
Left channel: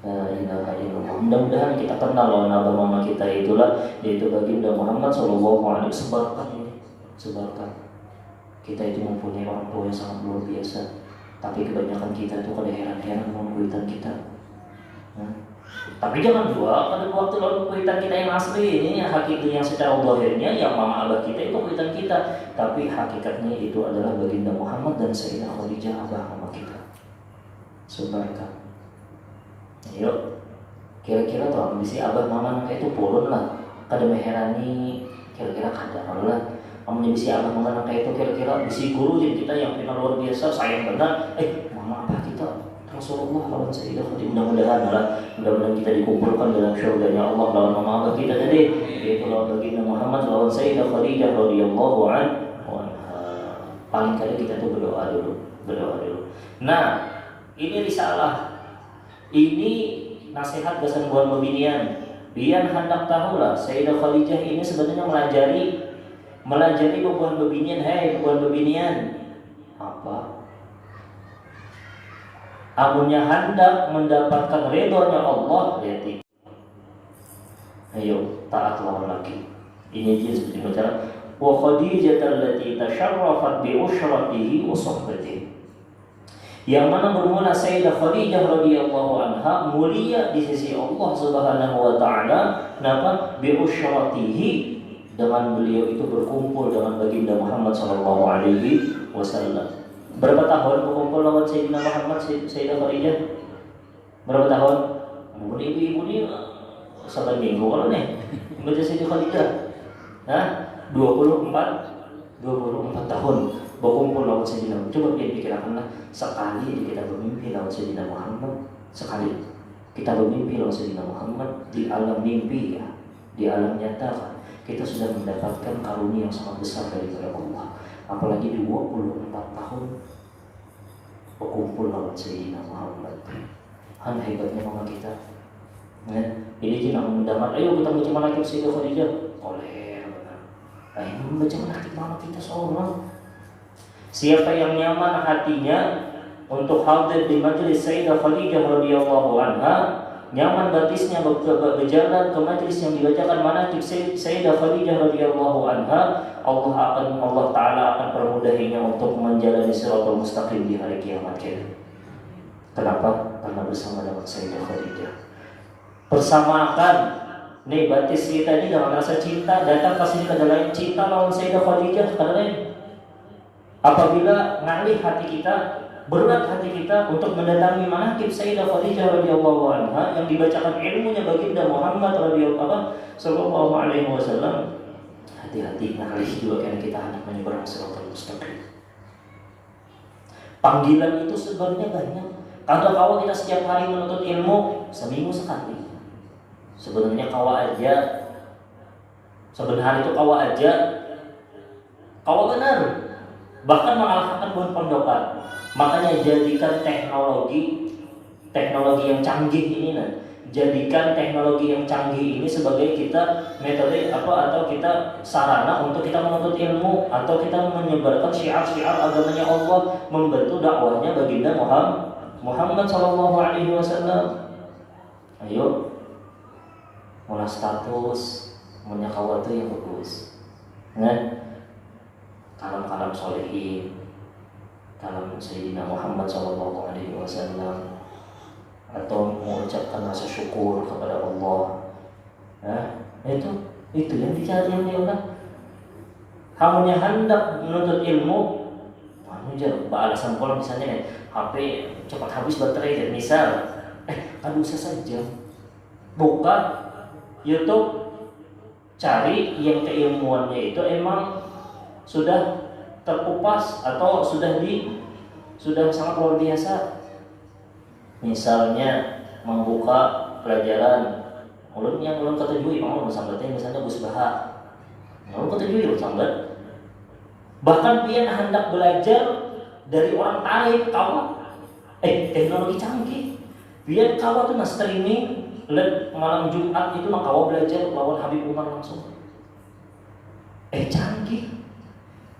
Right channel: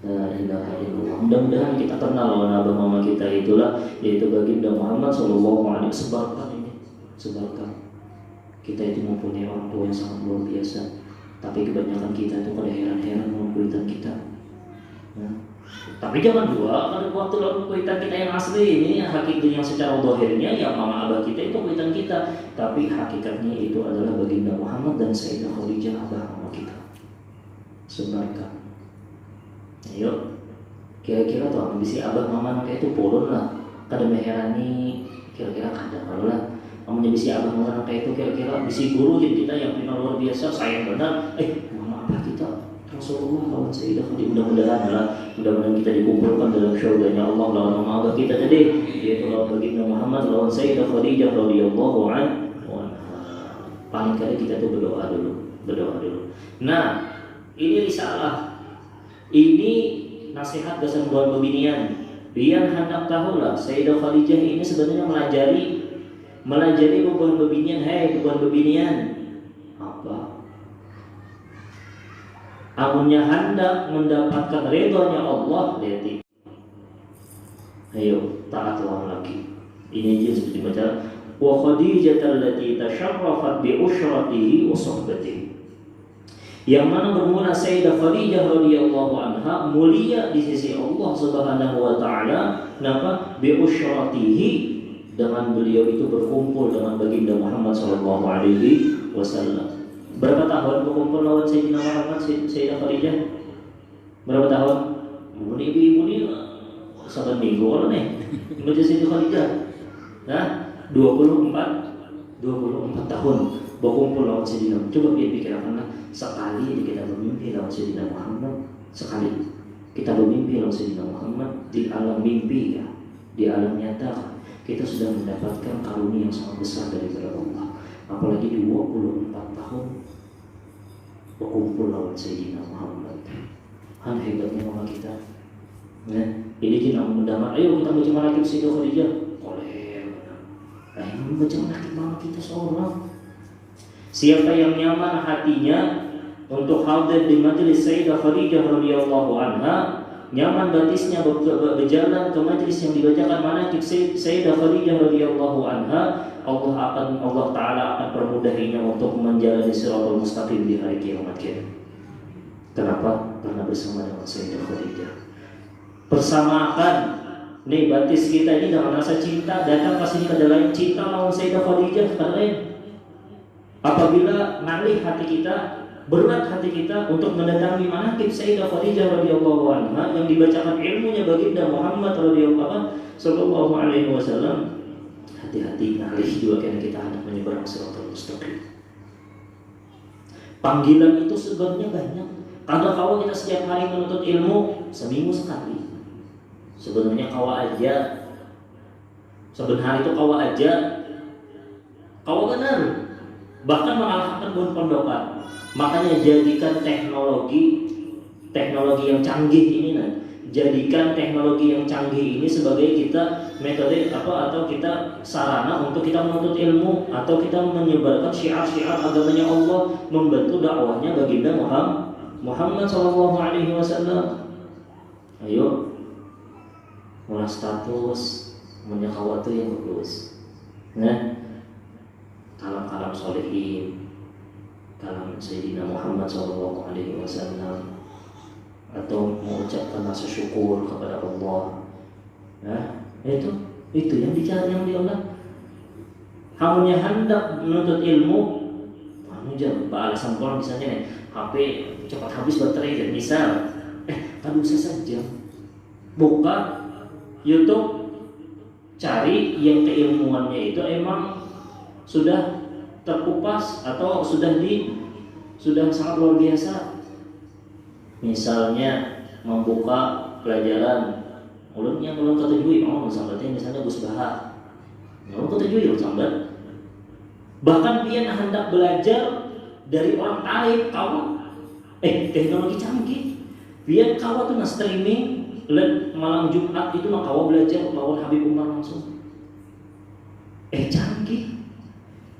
La ilaha illallah. Mudah-mudahan kita kenal lawan abah mama kita itulah, yaitu baginda Muhammad SAW. Sebarkan. Kita itu mempunyai orang tua yang sangat luar biasa, tapi kebanyakan kita itu pada heran-heran dengan kuitan kita. Tapi jangan juga pada waktu lalu kuitan kita yang asli ini, yang hakiki yang secara zahirnya yang mama abah kita itu kuitan kita, tapi hakikatnya itu adalah baginda Muhammad dan Sayyidah Khadijah abah mama kita. Sebarkan. Yuk, kira-kira tuh ambisi abah mama nangka itu purun lah, kada meherani, kira-kira kada lah. Amnya bisi abah mama nangka itu kira-kira bisi guru jadi kita yang final luar biasa sayang benar. Mama abah kita Rasulullah lawan Sayyidah Khadijah, mudah-mudahan kita dikumpulkan dalam syurganya Allah lawan mama abah kita tadi, yaitu lawan baginda Muhammad lawan Sayyidah Khadijah radhiyallahu anha. Paling kali kita tuh berdoa dulu. Nah, ini risalah. Ini nasihat gasan buat pembinian. Biar hendak tahulah Sayyidah Khadijah ini sebenarnya melajari bebuan pembinian. Hei bebuan pembinian, apa? Amunnya hendak mendapatkan ridhonya Allah, lihat. Ayo taatlah lagi. Ini dia seperti bicara. Wa Khadijah allati tasharrafat bi ushratihi wa suhbatihi. Yang mana bermula Sayyidah Khadijah radhiyallahu anha mulia di sisi Allah Subhanahu wa taala, kenapa? Bi usyratihi, dengan beliau itu berkumpul dengan baginda Muhammad sallallahu alaihi wasallam. Berapa tahun berkumpul dengan Sayyidina Muhammad Sayyidah Khadijah? Berapa tahun? Ibu-ibu ini satu minggu kalau nih mengerti Sayyidah Khadijah. 24 tahun berkumpul lawan Sayyidina. Coba pikirkan sekali kita bermimpi lawan Sayyidina Muhammad, sekali kita bermimpi lawan Sayyidina Muhammad di alam mimpi ya, di alam nyata kita sudah mendapatkan karunia yang sangat besar dari Allah. Apalagi 24 tahun berkumpul lawan Sayyidina Muhammad. Hebatnya mama kita. Ya, jadi kita mendamar, ayo kita baca manaqib Sayyidah Khadijah. Membaca manaqib mama kita seorang. Siapa yang nyaman hatinya untuk hadir di majelis Sayyidah Khadijah radhiyallahu anha, nyaman batisnya berjalan ke majelis yang dibacakan manaqib Sayyidah Khadijah radhiyallahu anha, Allah Ta'ala akan permudahinya untuk menjalani siratal mustaqim di hari kiamat kita. Kenapa? Karena bersama dengan Sayyidah Khadijah. Persamakan nih batis kita ini dengan rasa cinta, datang ke sini ke dalam cinta lawan Sayyidah Khadijah lain. Apabila ngalih hati kita, berat hati kita untuk mendatangi manaqib Sayyidah Khadijah radhiyallahu anha yang dibacakan ilmunya baginda Muhammad sallallahu alaihi wasallam, hati-hati ngalih juga karena kita hendak menyeberang siratal mustaqim. Panggilan itu sebenarnya banyak. Kalau kita setiap hari menuntut ilmu, seminggu sekali. Sebenarnya sebenarnya itu kawa benar. Bahkan mengalahkan bukan pondokan. Makanya jadikan teknologi yang canggih ini, jadikan teknologi yang canggih ini sebagai kita metode atau kita sarana untuk kita menuntut ilmu, atau kita menyebarkan syiar-syiar agamanya Allah, membantu dakwahnya baginda Muhammad sallallahu alaihi wasallam. Ayo, mulai status, punya kawatu yang bagus. Kalam-kalam solehin, kalam Sayyidina Muhammad sallallahu alaihi wasallam, atau mengucapkan rasa syukur kepada Allah. Itu yang dicari, yang diulang. Kamunya hendak menuntut ilmu, alasan kalau misalnya HP cepat habis baterai, misal, bisa saja buka YouTube, cari yang keilmuannya itu emang sudah terkupas atau sudah sangat luar biasa. Misalnya membuka pelajaran ulun yang ulun ketujuh, mau sambatnya misalnya Gus Baha, ulun ketujuh sambat. Bahkan dia hendak belajar dari orang lain, kawan Teknologi canggih. Lihat kawan tuh streaming, lihat malam Jumat itu kawan belajar lawan Habib Umar langsung. Canggih.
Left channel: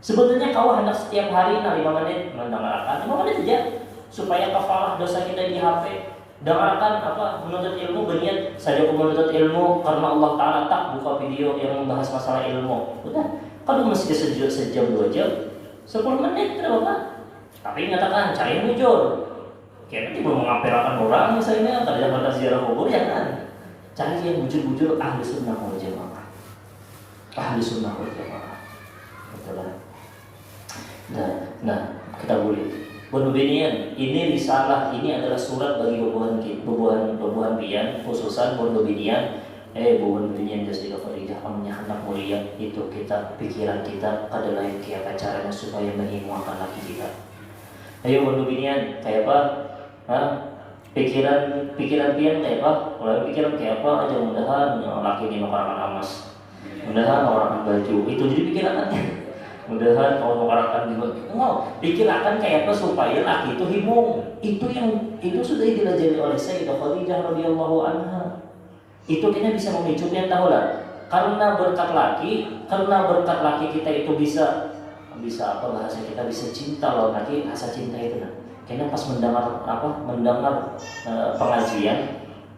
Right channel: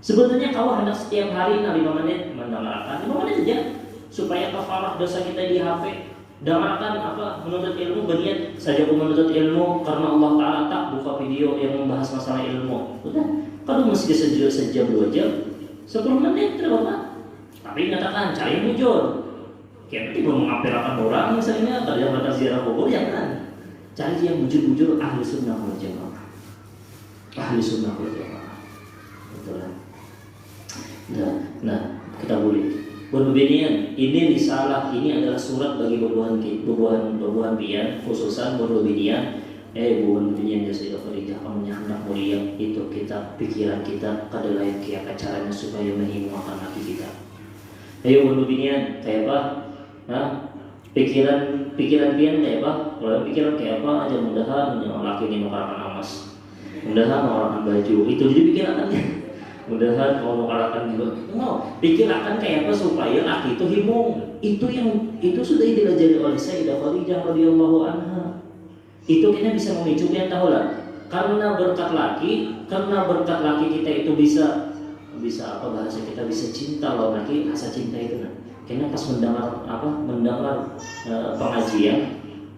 Sebetulnya kawan hendak setiap hari 5 menit mendengarkan 5 menit saja supaya kafarah dosa kita di HP. Dengarkan menuntut ilmu, berniat saya menuntut ilmu karena Allah Ta'ala tak buka video yang membahas masalah ilmu. Udah, kalau mesti sejam 2 jam 10 menit terlalu. Tapi nyatakan saya mujur. Kayak nanti mau mengapelakan orang misalnya kerja ziarah kubur ya kan. Cari yang bujur-bujur ahli sunnah wal jamaah. Ahli sunnah wal jamaah. Betul kan? Nah, kita boleh. Berbenian, ini risalah, ini adalah surat bagi bubuhan pian, khususan berbenian, bubuhan jadi Khadijah amnya anak mulia itu kita pikiran kita adalah kayak caranya supaya menghilangkan laki kita. Ayo berbenian kayak apa? Pikiran pian kayak apa? Kalau pikiran kayak apa aja mudahan yang laki ini mengarakan emas, mudahan mengarakan baju itu jadi pikirannya. Mudahan kalau mengarakan juga, pikirkan kayak apa supaya laki itu himung. Itu sudah diajari oleh Sayyidah Khadijah radhiyallahu anha. Itu kayaknya bisa memicu dia tahu lah. Karena berkat laki kita itu bisa apa bahasa kita bisa cinta lawan laki, rasa cinta itu nah. Karena pas mendengar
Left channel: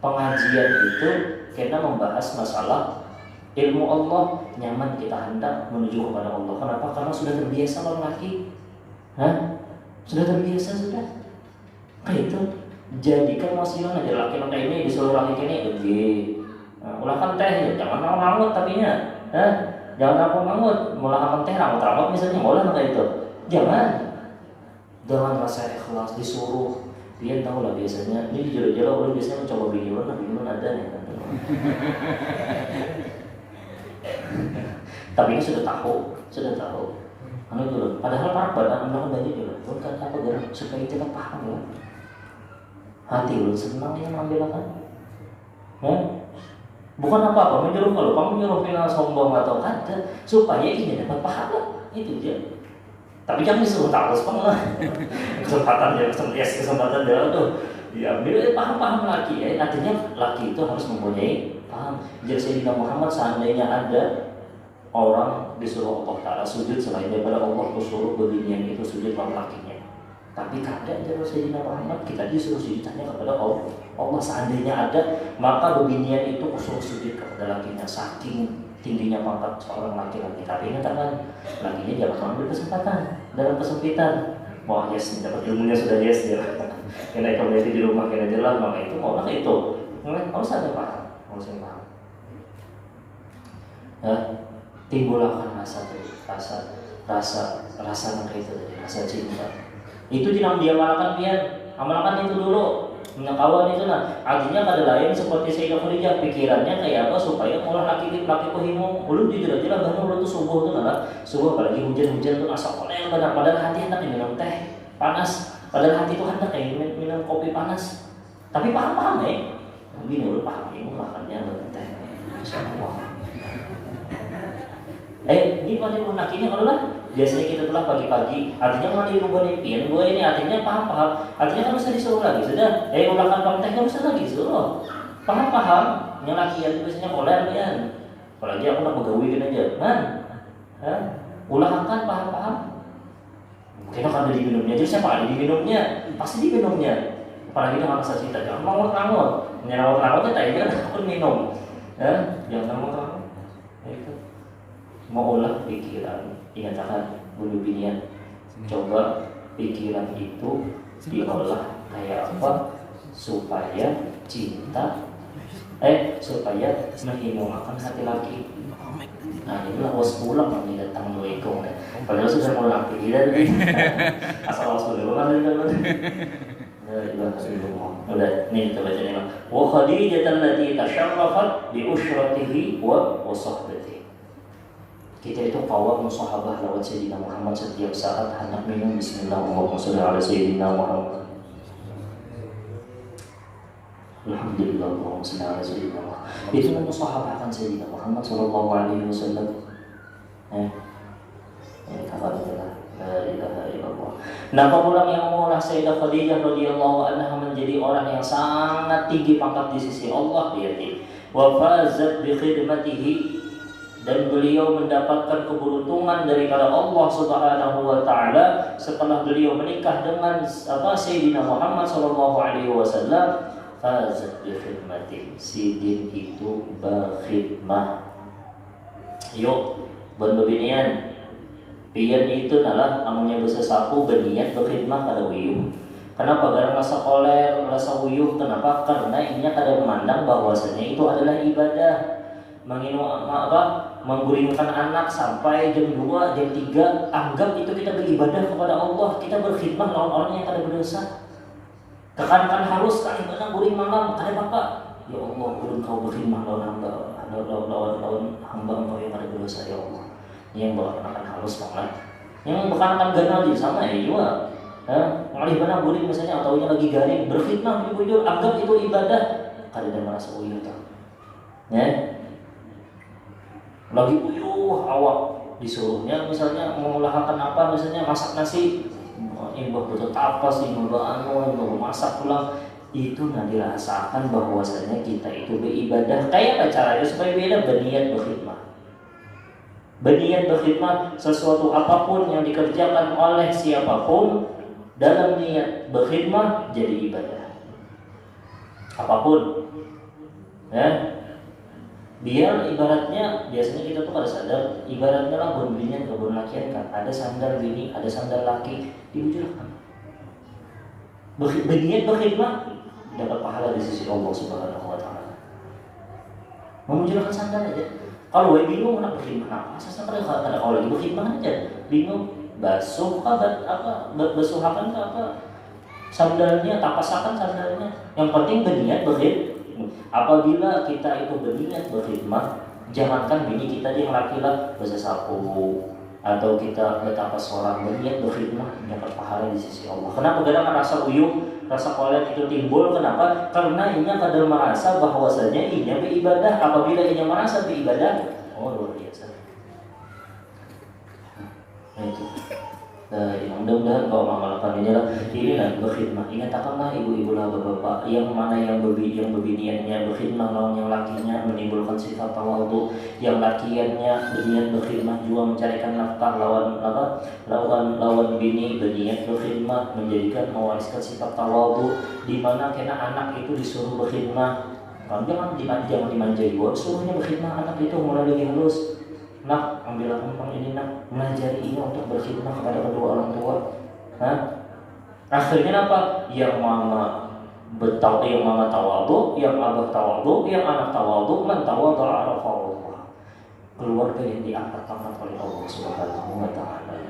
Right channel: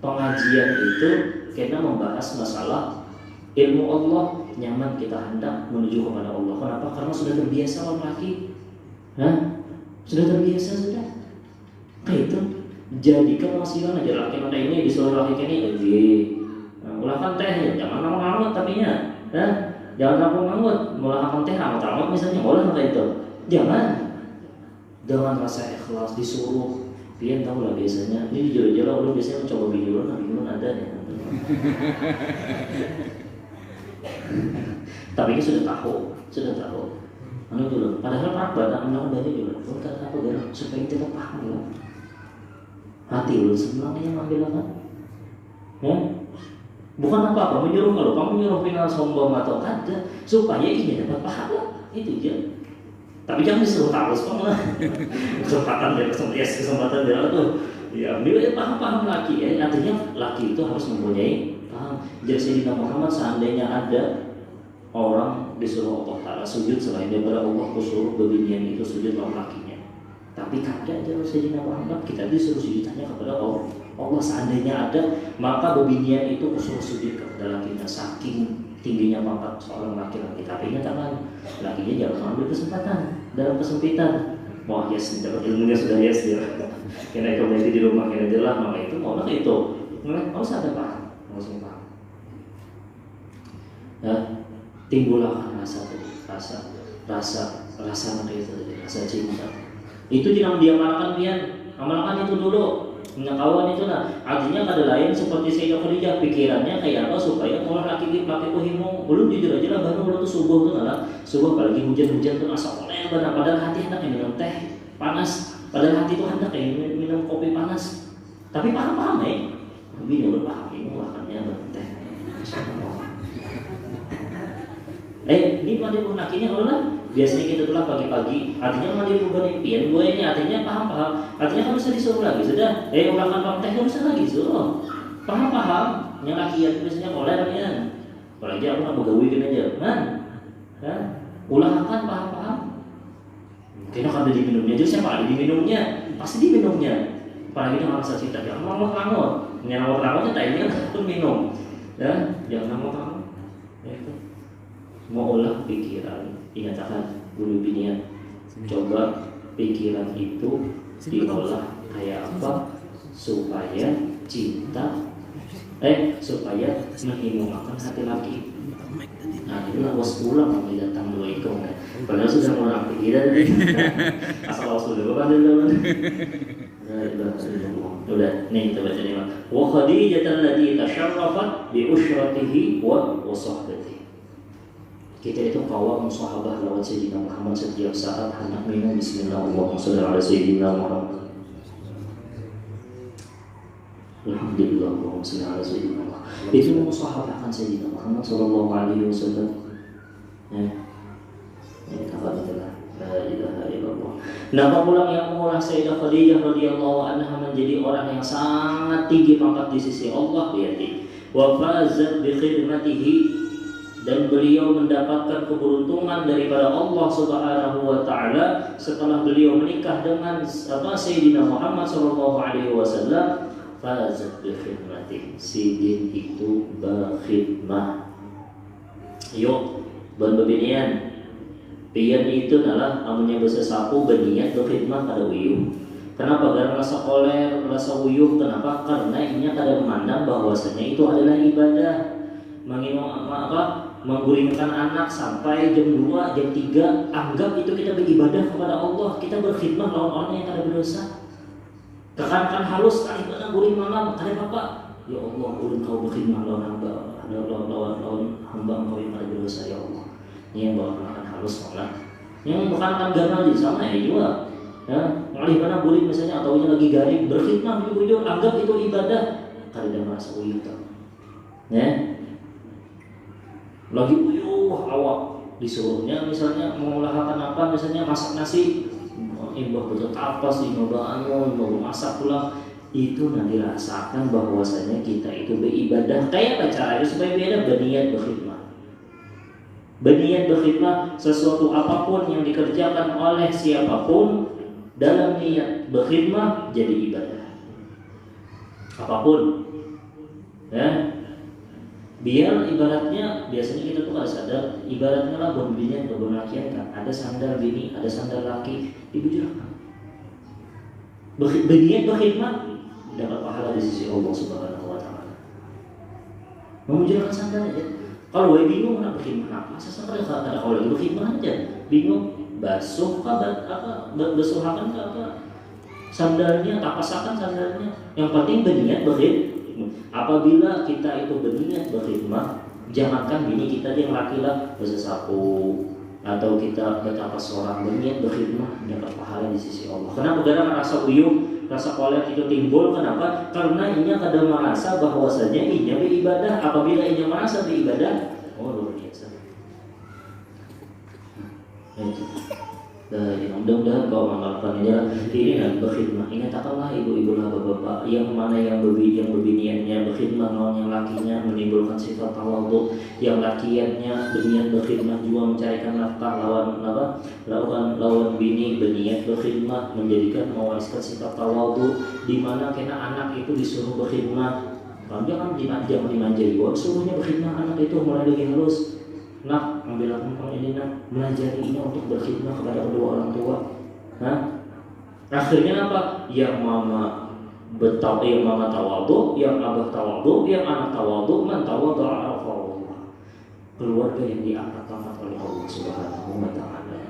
pengajian itu karena membahas masalah ilmu Allah, nyaman kita hendak menuju kepada Allah. Kenapa? Karena sudah terbiasa lawan laki. Sudah terbiasa sudah. Kayak itu. Jadikan wasilah aja laki ini disuruh laki ini ulahkan teh ya, jangan ngamut tapinya. Jangan ngamut, mulahkan teh ngamut misalnya, boleh enggak itu? Jangan rasa ikhlas disuruh. Dia tahu lah biasanya, ini jujur-jujur orang biasanya mencoba video orang ada ya. Tapi ini sudah tahu. Dulu. Padahal para badan undang dari dulu. Bukan takut ya, supaya kita paham ya. Hati lu senang yang ambil kan? Ya? Bukan apa-apa menyuruh kalau kamu menyuruh kita sombong atau ada, supaya ini dapat pahala itu dia. Tapi jangan disuruh takut lah. Kesempatan dia tuh. Ya, dia paham laki ya. Artinya laki itu harus mempunyai paham. Jadi Sayyidina Muhammad seandainya ada orang disuruh Allah Ta'ala sujud selain daripada Allah disuruh berdirian itu sujud lawan lakinya. Tapi kadang terus Sayyidina Muhammad kita disuruh sujudnya kepada Allah seandainya ada maka berdirian itu disuruh sujud kepada lakinya saking tingginya pangkat seorang laki-laki. Tapi nyatakan lakinya jangan mengambil kesempatan dalam kesempitan. Wah yes, dapat ilmunya sudah yes ya. Karena kalau di rumah kira jelas maka itu orang itu harus ada paham. Timbulkan rasa itu rasa cinta. Itu jangan diamalkan amalkan itu dulu. Kawan itu artinya ada lain seperti Sayyidah Khadijah pikirannya kayak apa supaya mulai laki himung. Belum jujur aja lah baru tuh subuh tuh subuh apalagi hujan tuh asa oleh padahal hati hendak minum teh panas. Padahal hati itu hendak minum kopi panas. Tapi paham ya. Mungkin dulu paham ini makannya teh. Ini mandi akhirnya kalau lah biasanya kita pulang pagi-pagi artinya mandi rumah impian gue ini artinya paham artinya kan bisa disuruh lagi sudah makan konten kan bisa lagi suruh paham yang laki itu biasanya boleh ya apalagi aku nak begawi gini aja ulangkan paham kira kan ada diminumnya jadi siapa ada diminumnya pasti diminumnya apalagi dengan rasa cinta jangan mau nyawa tadinya aku minum jangan mau mau olah pikiran, ingatkan dulu binian. Coba pikiran itu diolah kayak apa supaya cinta, supaya menghilangkan hati laki. Nah itulah was pulang nanti datang dua ekor. Padahal sudah mulai aktivitas asal was dulu kan dulu. Udah, nih kita baca nih. Wa Khadijah allati tasharrafat bi ushratihi wa sahbatihi. Kita itu kawal sahabat lewat Sayyidina Muhammad setiap saat hendak minum Bismillahirrahmanirrahim ala Sayyidina Muhammad. Alhamdulillah Allahumma shalli ala Sayyidina Muhammad. Itu mensahabatkan Sayyidina Muhammad sallallahu alaihi wasallam. Ini kata-kata la ilaha illallah. Nama pulang yang mulia Sayyidah Khadijah radhiyallahu anha menjadi orang yang sangat tinggi pangkat di sisi Allah, lihat. Wa fazat bi khidmatihi, dan beliau mendapatkan keberuntungan daripada Allah Subhanahu wa taala setelah beliau menikah dengan Sayyidina Muhammad sallallahu alaihi wasallam. Fazat bi khidmatihi, sidin itu berkhidmah. Yuk, berbinian. Pian itu adalah namanya bahasa sapu berniat berkhidmat pada uyuh. Kenapa? Karena rasa koler, rasa uyuh. Kenapa? Karena ini kada memandang bahwasanya itu adalah ibadah. Menggulingkan anak sampai jam 2, jam 3, anggap itu kita beribadah kepada Allah. Kita berkhidmat lawan orang yang kada berdosa. Tekankan halus kali benar guring malam, kada apa-apa. Ya Allah, ulun kau berkhidmat lawan hamba, lawan hamba engkau yang kada berdosa, ya Allah. Yang berkenakan halus banget, yang berkenakan ganal di sana ya juga. Malih mana guring misalnya atau lagi garing berkhidmat di bujur, anggap itu ibadah. Kada ada merasa uyuh tuh. Ya. Lagi uyuh awak disuruhnya misalnya mengulahkan apa, misalnya masak nasi, imbah betul apa sih, imbah masak pulang, itu nanti dirasakan bahwasanya kita itu beribadah. Kayak apa caranya supaya beda? Berniat berkhidmat. Berniat berkhidmat sesuatu apapun yang dikerjakan oleh siapapun dalam niat berkhidmat jadi ibadah. Apapun, ya. Biar ibaratnya biasanya kita tuh kada sadar, ibaratnya lah berbinian ke lakian kan, ada sandal bini, ada sandal laki, dibujurkan. Berniat berkhidmat dapat pahala di sisi Allah Subhanahu wa taala. Memujurkan sandal aja. Kalau bingung nak berkhidmat apa? Sesuatu ada kalau lagi berkhidmat aja. Bingung basuh apa? Basuhakan apa? Sandalnya, tapasakan sandalnya. Yang penting berniat berkhidmat. Apabila kita itu berniat berkhidmat, jangankan bini kita yang laki lah bisa sapu atau kita betapa seorang berniat berkhidmat dapat pahala di sisi Allah. Kenapa? Karena rasa uyuh, rasa koler itu timbul. Kenapa? Karena ini kada merasa bahwasanya ini beribadah. Apabila ini merasa beribadah, oh luar biasa. Itu. Mudah-mudahan kau mengamalkan ini dan berkhidmat. Ingatkanlah ibu-ibu lah bapak-bapak yang mana yang berbiniannya berkhidmat lawan yang lakinya menimbulkan sifat tawadhu, yang lakiannya berniat berkhidmat juga mencarikan nafkah lawan bini berniat berkhidmat menjadikan mewariskan sifat tawadhu, di mana kena anak itu disuruh berkhidmat. Jangan dimanjai gua, suruhnya berkhidmat anak itu mulai dari halus. Nak, ambil akun ini nak, melajari ini untuk berkhidmat kepada kedua orang tua. Akhirnya apa? Yang mama tawadhu, yang abah tawadhu, yang anak tawadhu, man tawadhu arafa Allah. Keluarga yang diangkat-angkat oleh Allah Subhanahu wa taala.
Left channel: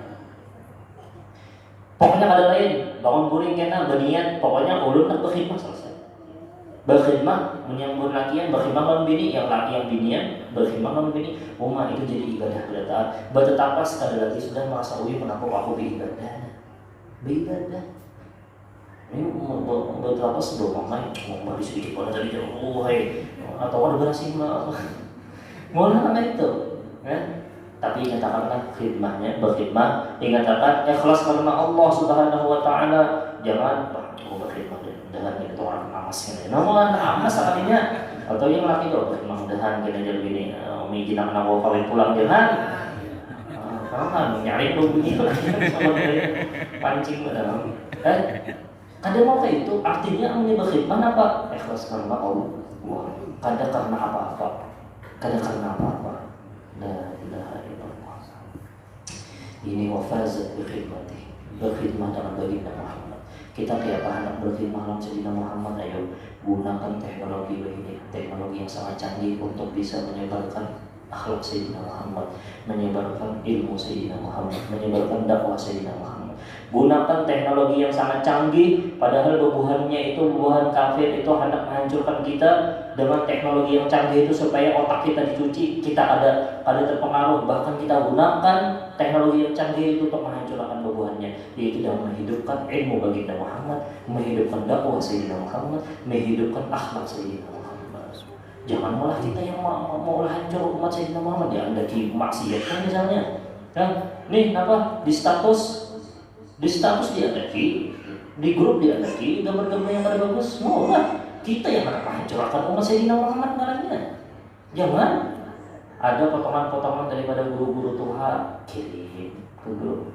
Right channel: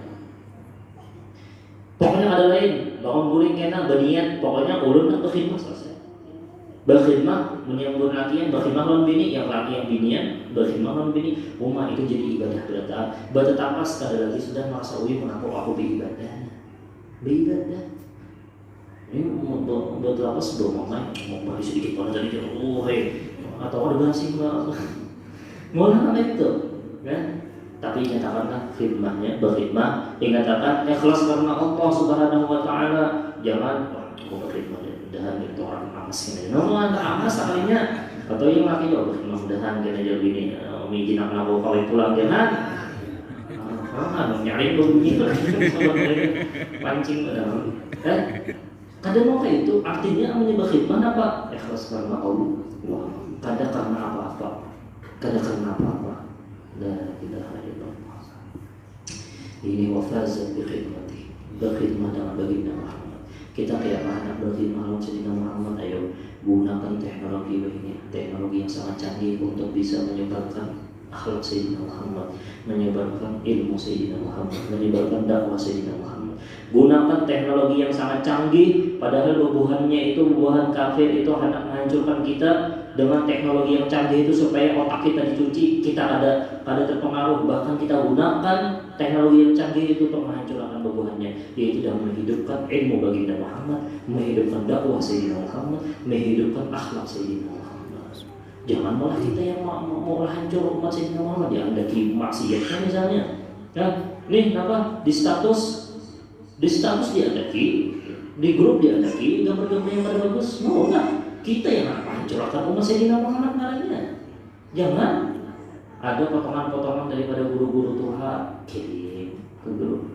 Pokoknya ada lain, bangun guring kena berniat, pokoknya ulun nak berkhidmat selesai. Berkhidmat menyambut lakian, berkhidmat lawan bini, yang laki yang binian berkhidmat lawan bini, rumah itu jadi ibadah betapa sekali lagi sudah merasa uyuh mengaku aku beribadah. Ini betapa sebelum mau sedikit pada tadi atau ada berhasil mulai itu, kan? Tapi katakanlah khidmatnya berkhidmat, ingatkan ikhlas karena Allah Subhanahu wa taala, jangan berkhidmat dan itu orang amas ini. Namun amas sekalinya atau yang laki juga berkhidmat dan jadi begini, umi kita nak kawin pulang jangan. Kan nyari berbunyi lagi sama dari pancing ke dalam. Kada mau kayak itu artinya umi berkhidmat apa? Ikhlas karena Allah. Wah, kada karena apa-apa. Kada karena apa-apa. La ilaha illallah. Ini wafazat bikhidmati. Berkhidmat dengan baginda Muhammad. Kita kayak anak berkhidmat lawan Sayyidina Muhammad. Ayo gunakan teknologi ini, teknologi yang sangat canggih untuk bisa menyebarkan akhlak Sayyidina Muhammad, menyebarkan ilmu Sayyidina Muhammad, menyebarkan dakwah Sayyidina Muhammad. Gunakan teknologi yang sangat canggih, padahal bubuhannya itu bubuhan kafir, itu hendak menghancurkan kita. Dengan teknologi yang canggih itu supaya otak kita dicuci, kita ada terpengaruh. Bahkan kita gunakan teknologi yang canggih itu untuk menghancurkan bubuhannya, yaitu dalam menghidupkan ilmu baginda Muhammad, menghidupkan dakwah Sayyidina Muhammad, menghidupkan akhlak Sayyidina Muhammad. Jangan malah kita yang mau hancur umat Sayyidina Muhammad, ya ada maksiatnya misalnya. Nih apa di status Di status diadaki, di grup diadaki, gambar-gambar yang pada bagus, mau nggak? Kita yang akan hancurkan umat Sayyidina Muhammad caranya. Jangan ada potongan-potongan daripada guru-guru Tuhan kirim ke grup.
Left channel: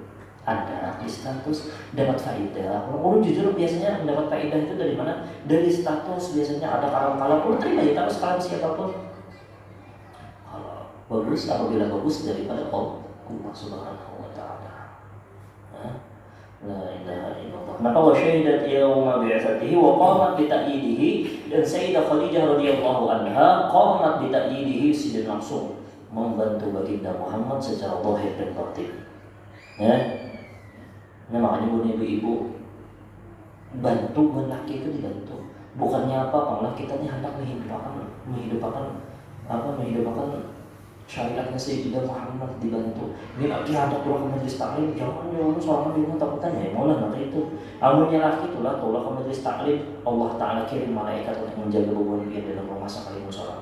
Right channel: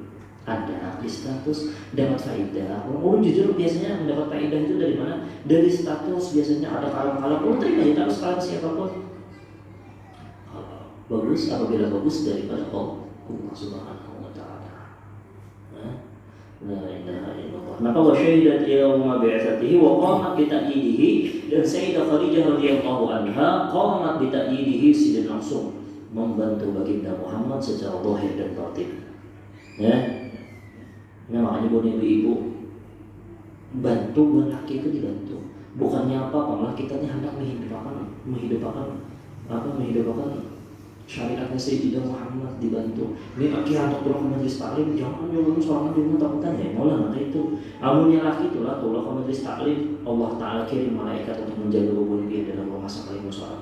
Ada di status dapat faedah. Orang jujur biasanya mendapat faedah itu dari mana? Dari status biasanya ada kalam-kalam. Orang terima ya kalau kalam siapapun. Bagus apabila bagus daripada Allah Subhanahu wa taala. La ilaha illallah. Maka wa syahidat yauma bi'atsatihi wa qamat bi ta'yidihi, dan Sayyidah Khadijah radhiyallahu anha qamat bi ta'yidihi, sidin langsung membantu baginda Muhammad secara zahir dan batin. Ya. Nah, makanya buat ibu-ibu bantu laki itu dibantu. Bukannya apa, malah kita ini hendak menghidupkan syariatnya Sayyidina Muhammad dibantu. Ini laki hendak turun ke majelis taklim, jangan ngomong soal di rumah takutan ya, maulah nanti itu. Amunnya laki itulah tulah ke majelis taklim, Allah Taala kirim malaikat untuk menjaga beban dia dalam rumah sakalimu sholat.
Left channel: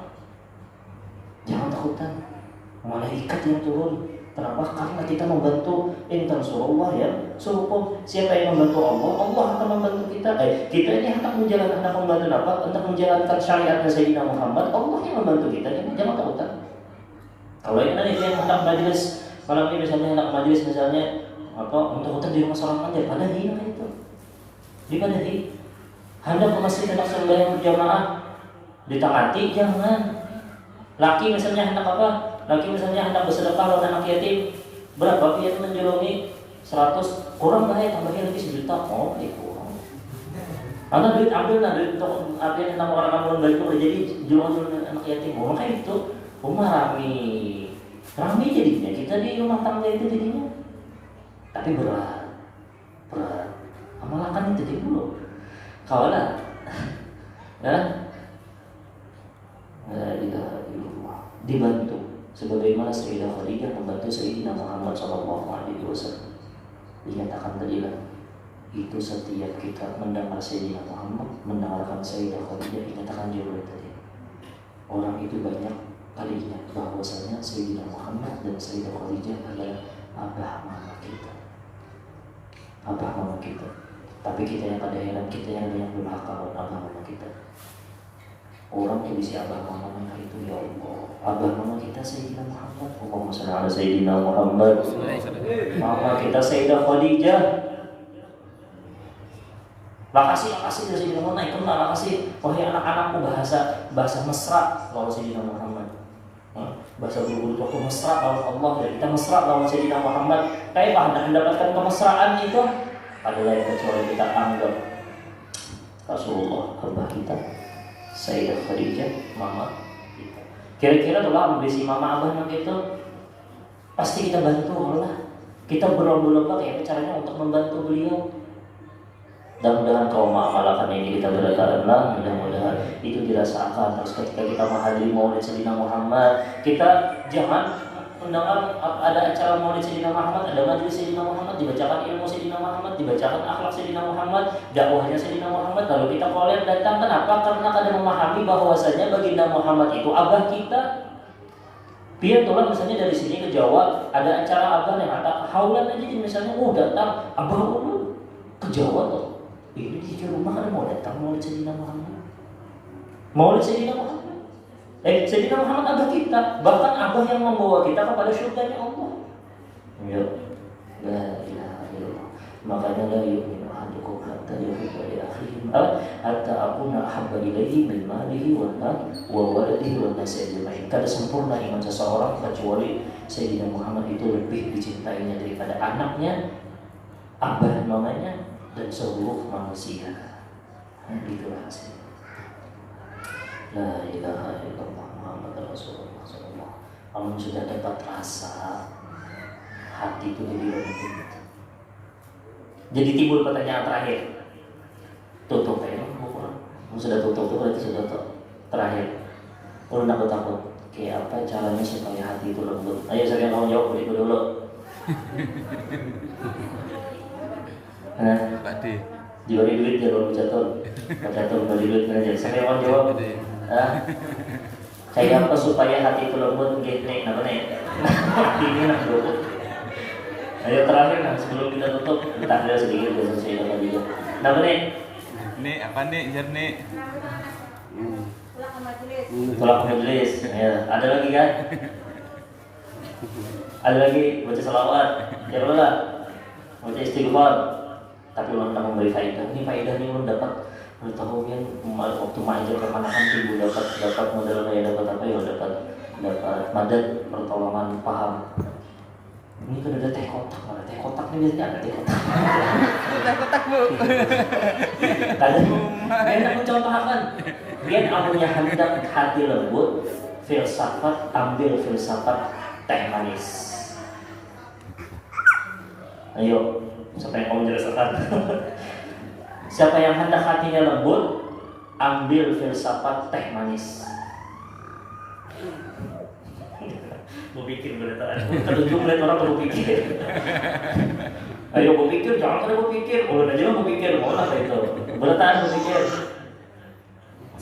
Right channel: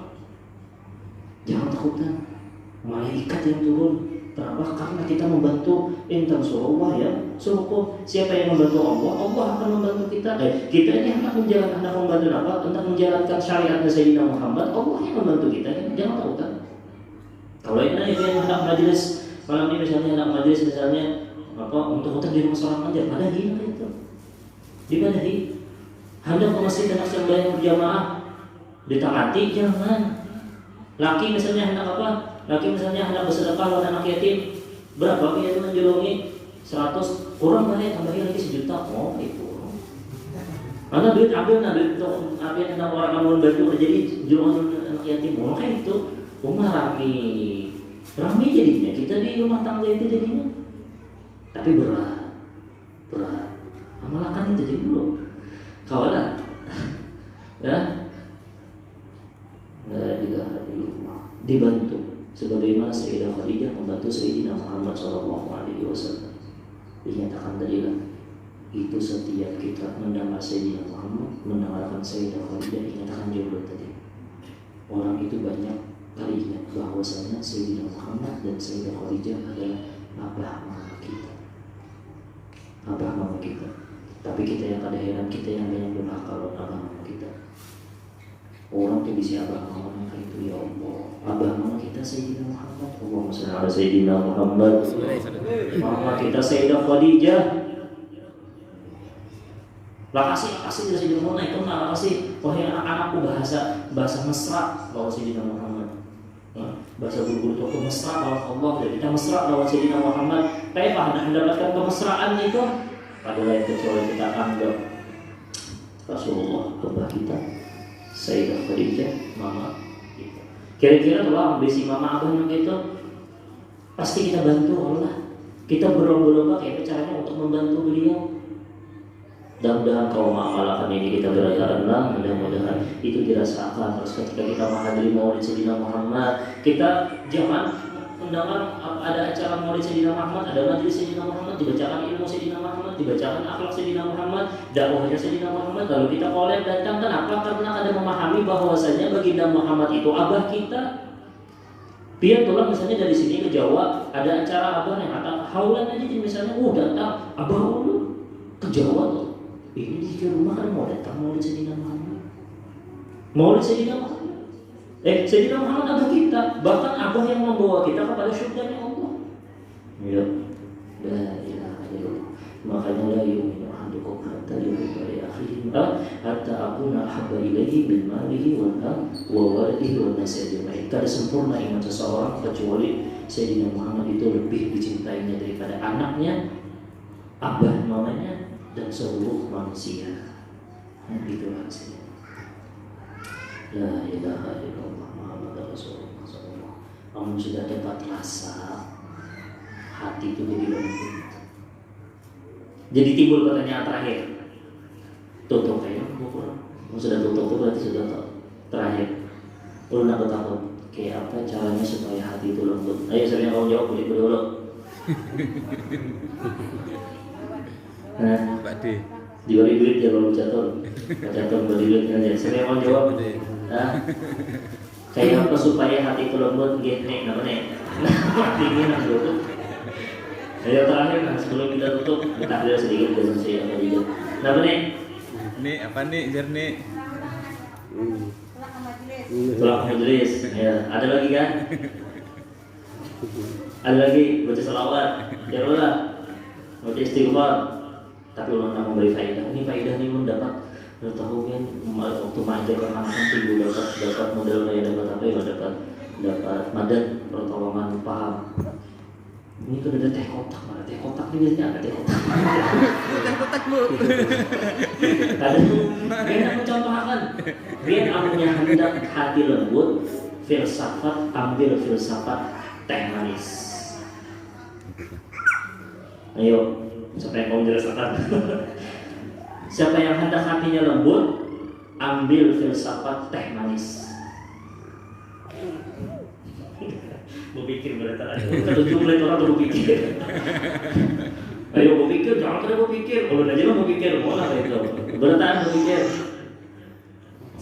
Jangan takutan, malaikat yang turun. Kenapa? Karena kita membantu intan surullah ya. Suruh siapa yang membantu Allah, Allah akan membantu kita. Kita ini hendak membantu apa? Untuk menjalankan syariatnya Sayyidina Muhammad, Allah yang membantu kita. Jangan takutan. Kalau yang hendak majelis malam ini misalnya hendak majelis misalnya apa untuk di rumah sholat nanti padahi itu. Dipadahi. Hendak ke masjid hendak sembahyang berjamaah ditangati jangan. Laki misalnya hendak apa? Laki misalnya hendak bersedekah buat anak yatim, berapa dia itu menjulungi 100, kurang lah ya tambahin lagi 1 juta, oh itu. Ada duit ambil, duit untuk apa yang tentang orang kamu baju jadi julungan anak yatim, mau kayak itu, rumah rame jadinya kita di rumah tangga itu jadinya, tapi berat, amalkan itu jadi dulu, kawalan, dan nggak dibantu. Sebagaimana Sayyidah Khadijah membantu Sayyidina Muhammad SAW. Dinyatakan tadi kan, itu setiap kita mendengar Sayyidina Muhammad, mendengarkan Sayyidah Khadijah, dinyatakan juga tadi. Orang itu banyak kali ingat bahwasanya Sayyidina Muhammad dan Sayyidah Khadijah adalah abah mama kita. Abah mama kita. Tapi kita yang pada heran, kita yang banyak durhaka loh abah mama kita. Orang tuh bisa abah mama mereka itu ya Allah. Abah mama kita Sayyidina Muhammad, Allahumma shalli ala Sayyidina Muhammad. Mama kita Sayyidah Khadijah. Makasih dari Sayyidina Muhammad, itu makasih. Wahai anak-anakku bahasa mesra lawan Sayyidina Muhammad. Bahasa guru toko mesra lawan Allah, dan kita mesra lawan Sayyidina Muhammad. Kayak Anda mendapatkan kemesraan itu adalah yang kecuali kita anggap Rasulullah, abah kita Sayyidah Khadijah, mama kita. Kira-kira kalau ambisi mama abah nanti itu pasti kita bantu Allah. Kita berlomba-lomba kayak caranya untuk membantu beliau. Mudah-mudahan kalau mengamalkan ini kita berjalan, mudah-mudahan itu dirasakan. Terus ketika kita menghadiri Maulid Sayyidina Muhammad, kita jangan mendengar ada acara Maulid Sayyidina Muhammad, ada majelis Sayyidina Muhammad, dibacakan ilmu Sayyidina Muhammad, dibacakan akhlak Sayyidina Muhammad, dakwahnya Sayyidina Muhammad. Lalu kita kolek datang, kenapa? Karena ada memahami bahwasanya baginda Muhammad itu abah kita. Biar tulang misalnya dari sini ke Jawa ada acara abah yang kata haulan aja misalnya, datang abah ulu ke Jawa tuh. Ini di rumah kan mau datang Maulid Sayyidina Muhammad. Maulid Sayyidina Muhammad. Sayyidina Muhammad abah kita, bahkan abah yang membawa kita kepada syurganya Allah. Ya, la ilaha illallah. Makanya la yu'minu ahadukum hatta yuhibba li akhihi hatta akuna ahabba ilaihi min malihi wa waladihi wan nasi ajma'in. Kada sempurna iman seseorang kecuali Sayyidina Muhammad itu lebih dicintainya daripada anaknya, abah mamanya, dan seluruh manusia. Itu rahasia. La ilaha illallah Muhammad Rasulullah SAW. Kamu sudah dapat rasa hati itu jadi lembut. Jadi timbul pertanyaan terakhir. Tutup ya, kamu sudah tutup itu berarti sudah terakhir. Perlu takut kayak apa caranya supaya hati itu lembut? Ayo saya mau jawab dulu. Nah, diberi duit dia belum jatuh beri duit aja. Saya mau jawab. Kayak apa supaya hatiku lembut? Nih, apa nih? Hatinya lembut. Ayo terakhir sebelum kita tutup kita ada sedikit dari saya apa juga. Nama nih? Nih apa nih jernih? Tolak majelis. Ya, ada lagi kan? Ada lagi baca salawat. Ya Allah. Baca istighfar. Tapi ulama memberi faedah. Ini faedah ini ulun dapat. Tahu kan waktu main ke mana-mana ibu dapat modal ya dapat apa ya dapat madat pertolongan paham. Ini kan ada teh kotak, mana teh kotak ini biasanya ada teh kotak. Teh kotak bu. Kalian mencontohkan, biar anunya hendak hati lembut, filsafat ambil filsafat teh manis. Ayo, siapa yang mau menjelaskan? Siapa yang hendak hatinya lembut, ambil filsafat teh manis. Berpikir berarti terjun mulai orang berpikir. Ayo berpikir, jangan terus berpikir. Kalau aja mau berpikir, mau lah gitu. Bertahan berpikir.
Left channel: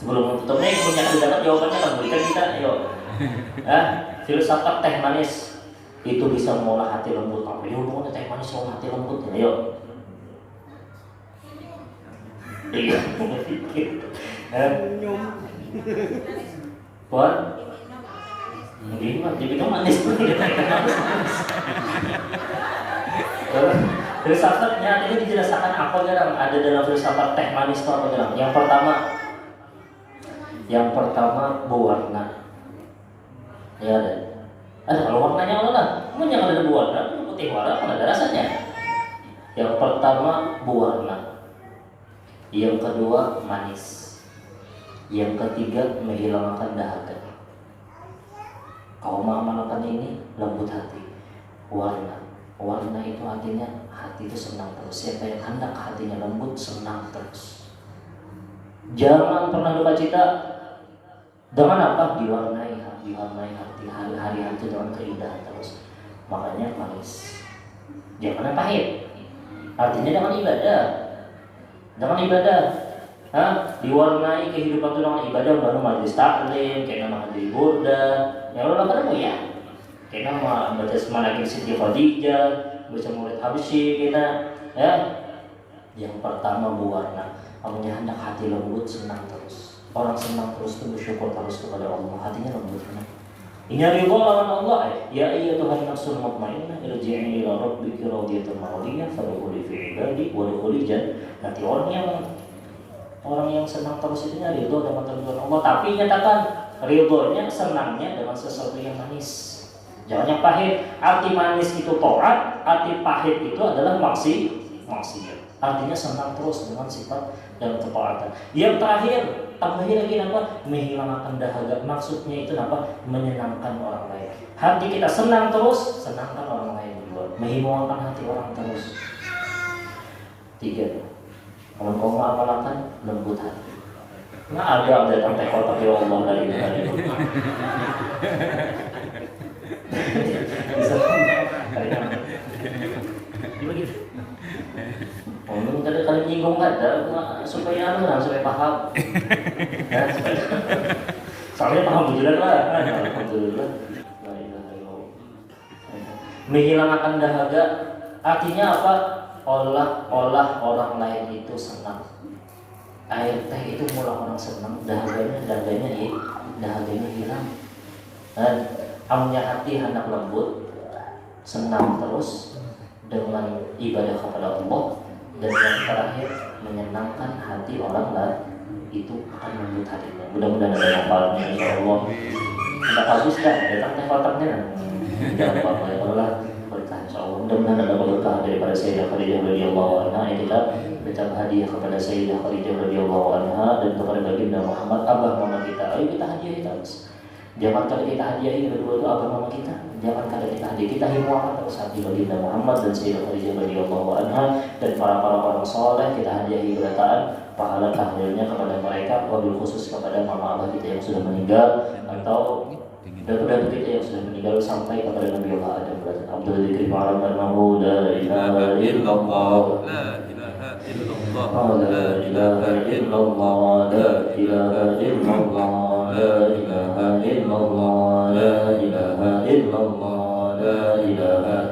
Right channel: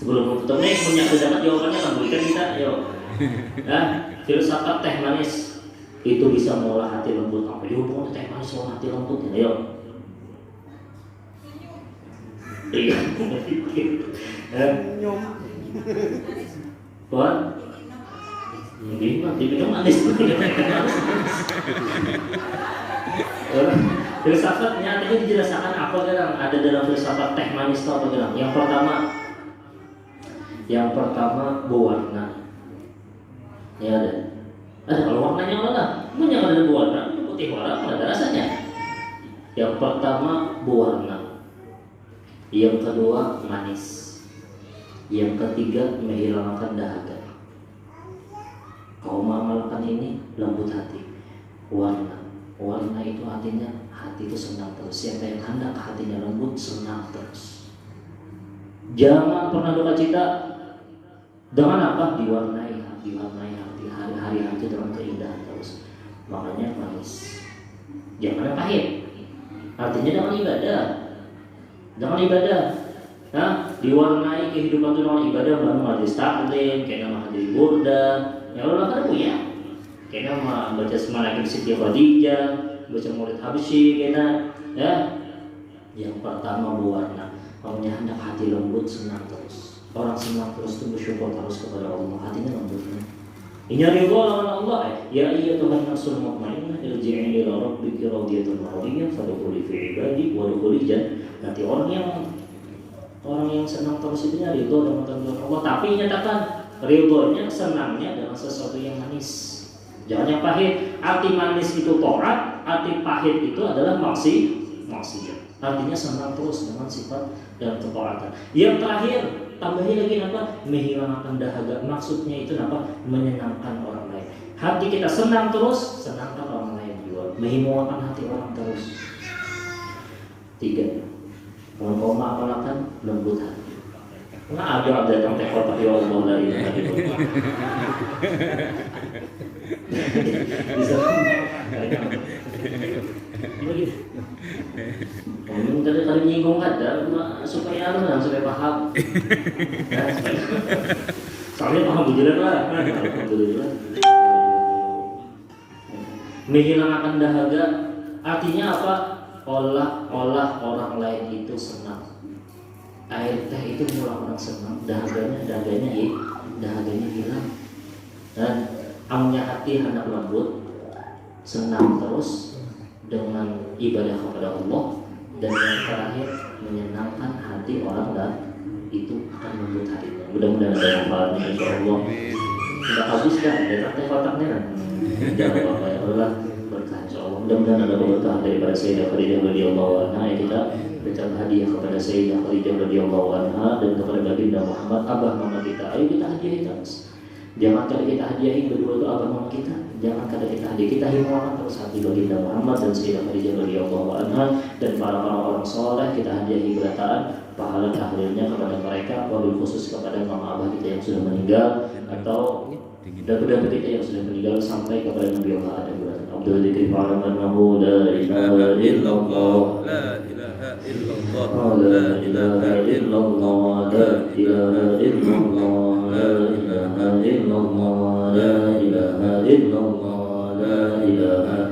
Sebelum menutup nih, punya dapat jawabannya kan berikan kita. Ayo, filsafat teh manis itu bisa mengolah hati lembut. Apa dia hubungannya teh manis mengolah hati lembut? Ya, ayo. Iya, berpikir. Nyum. Buat. Diminum manis. Filsafatnya tadi dijelaskan apa dalam ada dalam filsafat teh manis itu apa dalam? Yang pertama berwarna. Ya ada kalau warnanya apa lah? Jangan ada berwarna, putih warna ada rasanya. Yang pertama berwarna. Yang kedua manis. Yang ketiga menghilangkan dahaga. Kau mengamalkan ini lembut hati. Warna itu artinya hati itu senang terus. Siapa yang hendak hatinya lembut senang terus. Jangan pernah duka cita. Dengan apa? Diwarnai hati hari-hari itu dengan keindahan terus. Makanya manis. Jangan pahit. Artinya dengan ibadah. Diwarnai kehidupan itu dengan ibadah. Baru majelis taklim, kayak nama hadiri burda. Ya Allah kan ya. Kita mau baca semangat Siti Khadijah, baca Maulid Habsyi kita, ya. Yang pertama berwarna, punya hendak hati lembut senang terus. Orang senang terus itu bersyukur terus kepada Allah, hatinya lembutnya. Ini ridha lawan Allah. Ya iya Tuhan nafsul mutmainnah irji'i ila rabbiki radiyatan mardiyah fadkhuli fi ibadi wadkhuli jannah. Nanti orang yang senang terus itu ridha dengan ketentuan Allah, tapi nyatakan ridhonya, senangnya dengan sesuatu yang manis. Jangan yang pahit. Arti manis itu taat, arti pahit itu adalah maksiat. Artinya senang terus dengan sifat dan ketaatan. Yang terakhir, tambahnya lagi apa? Menghilangkan dahaga. Maksudnya itu apa? Menyenangkan orang lain. Hati kita senang terus, senangkan orang lain juga. Menghilangkan hati orang terus. 3. Kalau kau mengamalkan lembut hati. Nah ada datang teh kotak ya Allah dari tadi. Bisa. Gimana? Tadi kali nyinggung ada supaya paham. Ya, soalnya paham bujulan lah. Alhamdulillah. Menghilangkan dahaga artinya apa? Olah orang lain itu senang. Air teh itu murah orang senang, dahaganya hilang. Dan amnya hati anak lembut, senang terus dengan ibadah kepada Allah. Dan yang terakhir menyenangkan hati orang lain itu akan lembut hatinya. Mudah-mudahan ada manfaatnya insyaallah. Tidak habis kan, datang teh kotaknya kan. Jangan apa-apa ya Allah berkah insyaallah. Mudah-mudahan ada berkah daripada Sayyidah Khadijah radhiyallahu anha yang kita berikan hadiah kepada Sayyidah Khadijah radhiyallahu anha dan kepada baginda Muhammad abah mama kita. Ayo kita hadiahi terus. Jangan kada kita hadiahi berdua itu abah mama kita. Jangan kada kita hadiahi, kita himpun terus hati baginda Muhammad dan Sayyidah Khadijah radhiyallahu anha dan para orang saleh kita hadiahi berataan pahala tahlilnya kepada mereka, wabil khusus kepada mama abah kita yang sudah meninggal atau datu-datu kita yang sudah meninggal sampai kepada Nabi Allah Adam beratan Abdul Dzikri ma'anahu la ilaha illallah la ilaha illallah la ilaha illallah la ilaha illallah la ilaha illallah la ilaha illallah la ilaha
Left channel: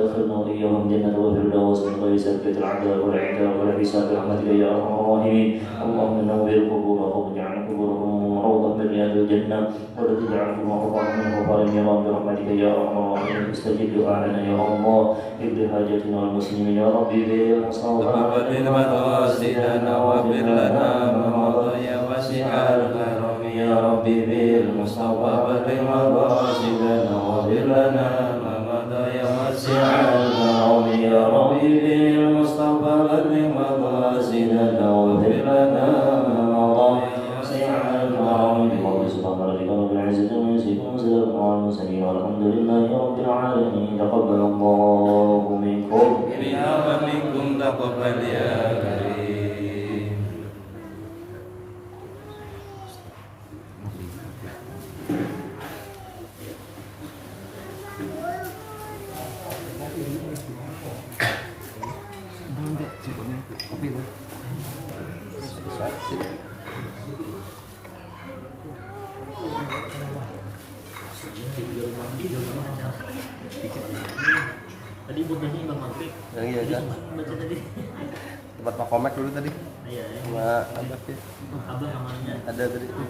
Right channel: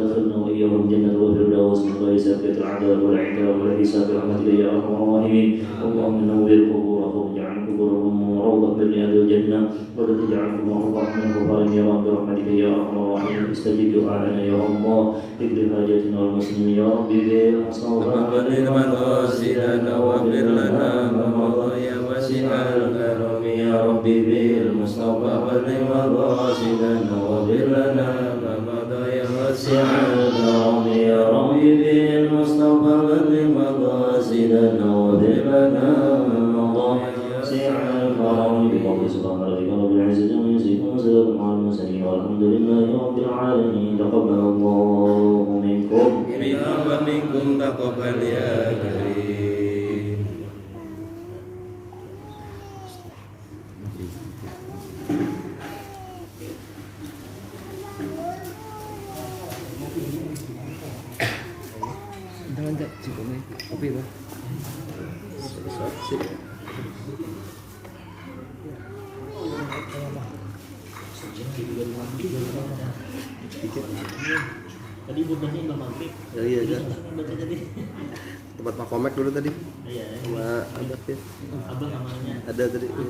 وادخلنا وإياهم جنة الفردوس من غير سابقة العذاب والعقاب ولا حساب برحمتك يا أرحم الراحمين. اللهم نور قبورهم واجعل قبورهم روضة من رياض الجنة ولا تجعل قبورهم من غفار النيران برحمتك يا أرحم الراحمين. استجب دعاءنا يا الله، اقض حاجاتنا والمسلمين يا ربي بالحسنى وقبل مقاصدنا واغفر لنا ما مضى يا واسع الكرم يا ربي بالمصطفى بلغ مقاصدنا واغفر لنا ما مضى يا واسع الكرم يا ربي بالمصطفى بلغ مقاصدنا واغفر لنا ما مضى يا واسع الكرم بفضل سبحان ربك رب العزة عما يصفون وسلام على المرسلين والحمد لله رب العالمين. تقبل الله منكم بنا ومنكم تقبل يا كريم. Kopi dah. Tadi budahnya Imam Maghrib. Iya kan. Tadi. Tempat Pak Komek dulu tadi. Iya. Sama ada Abah amannya. ada tadi tuh.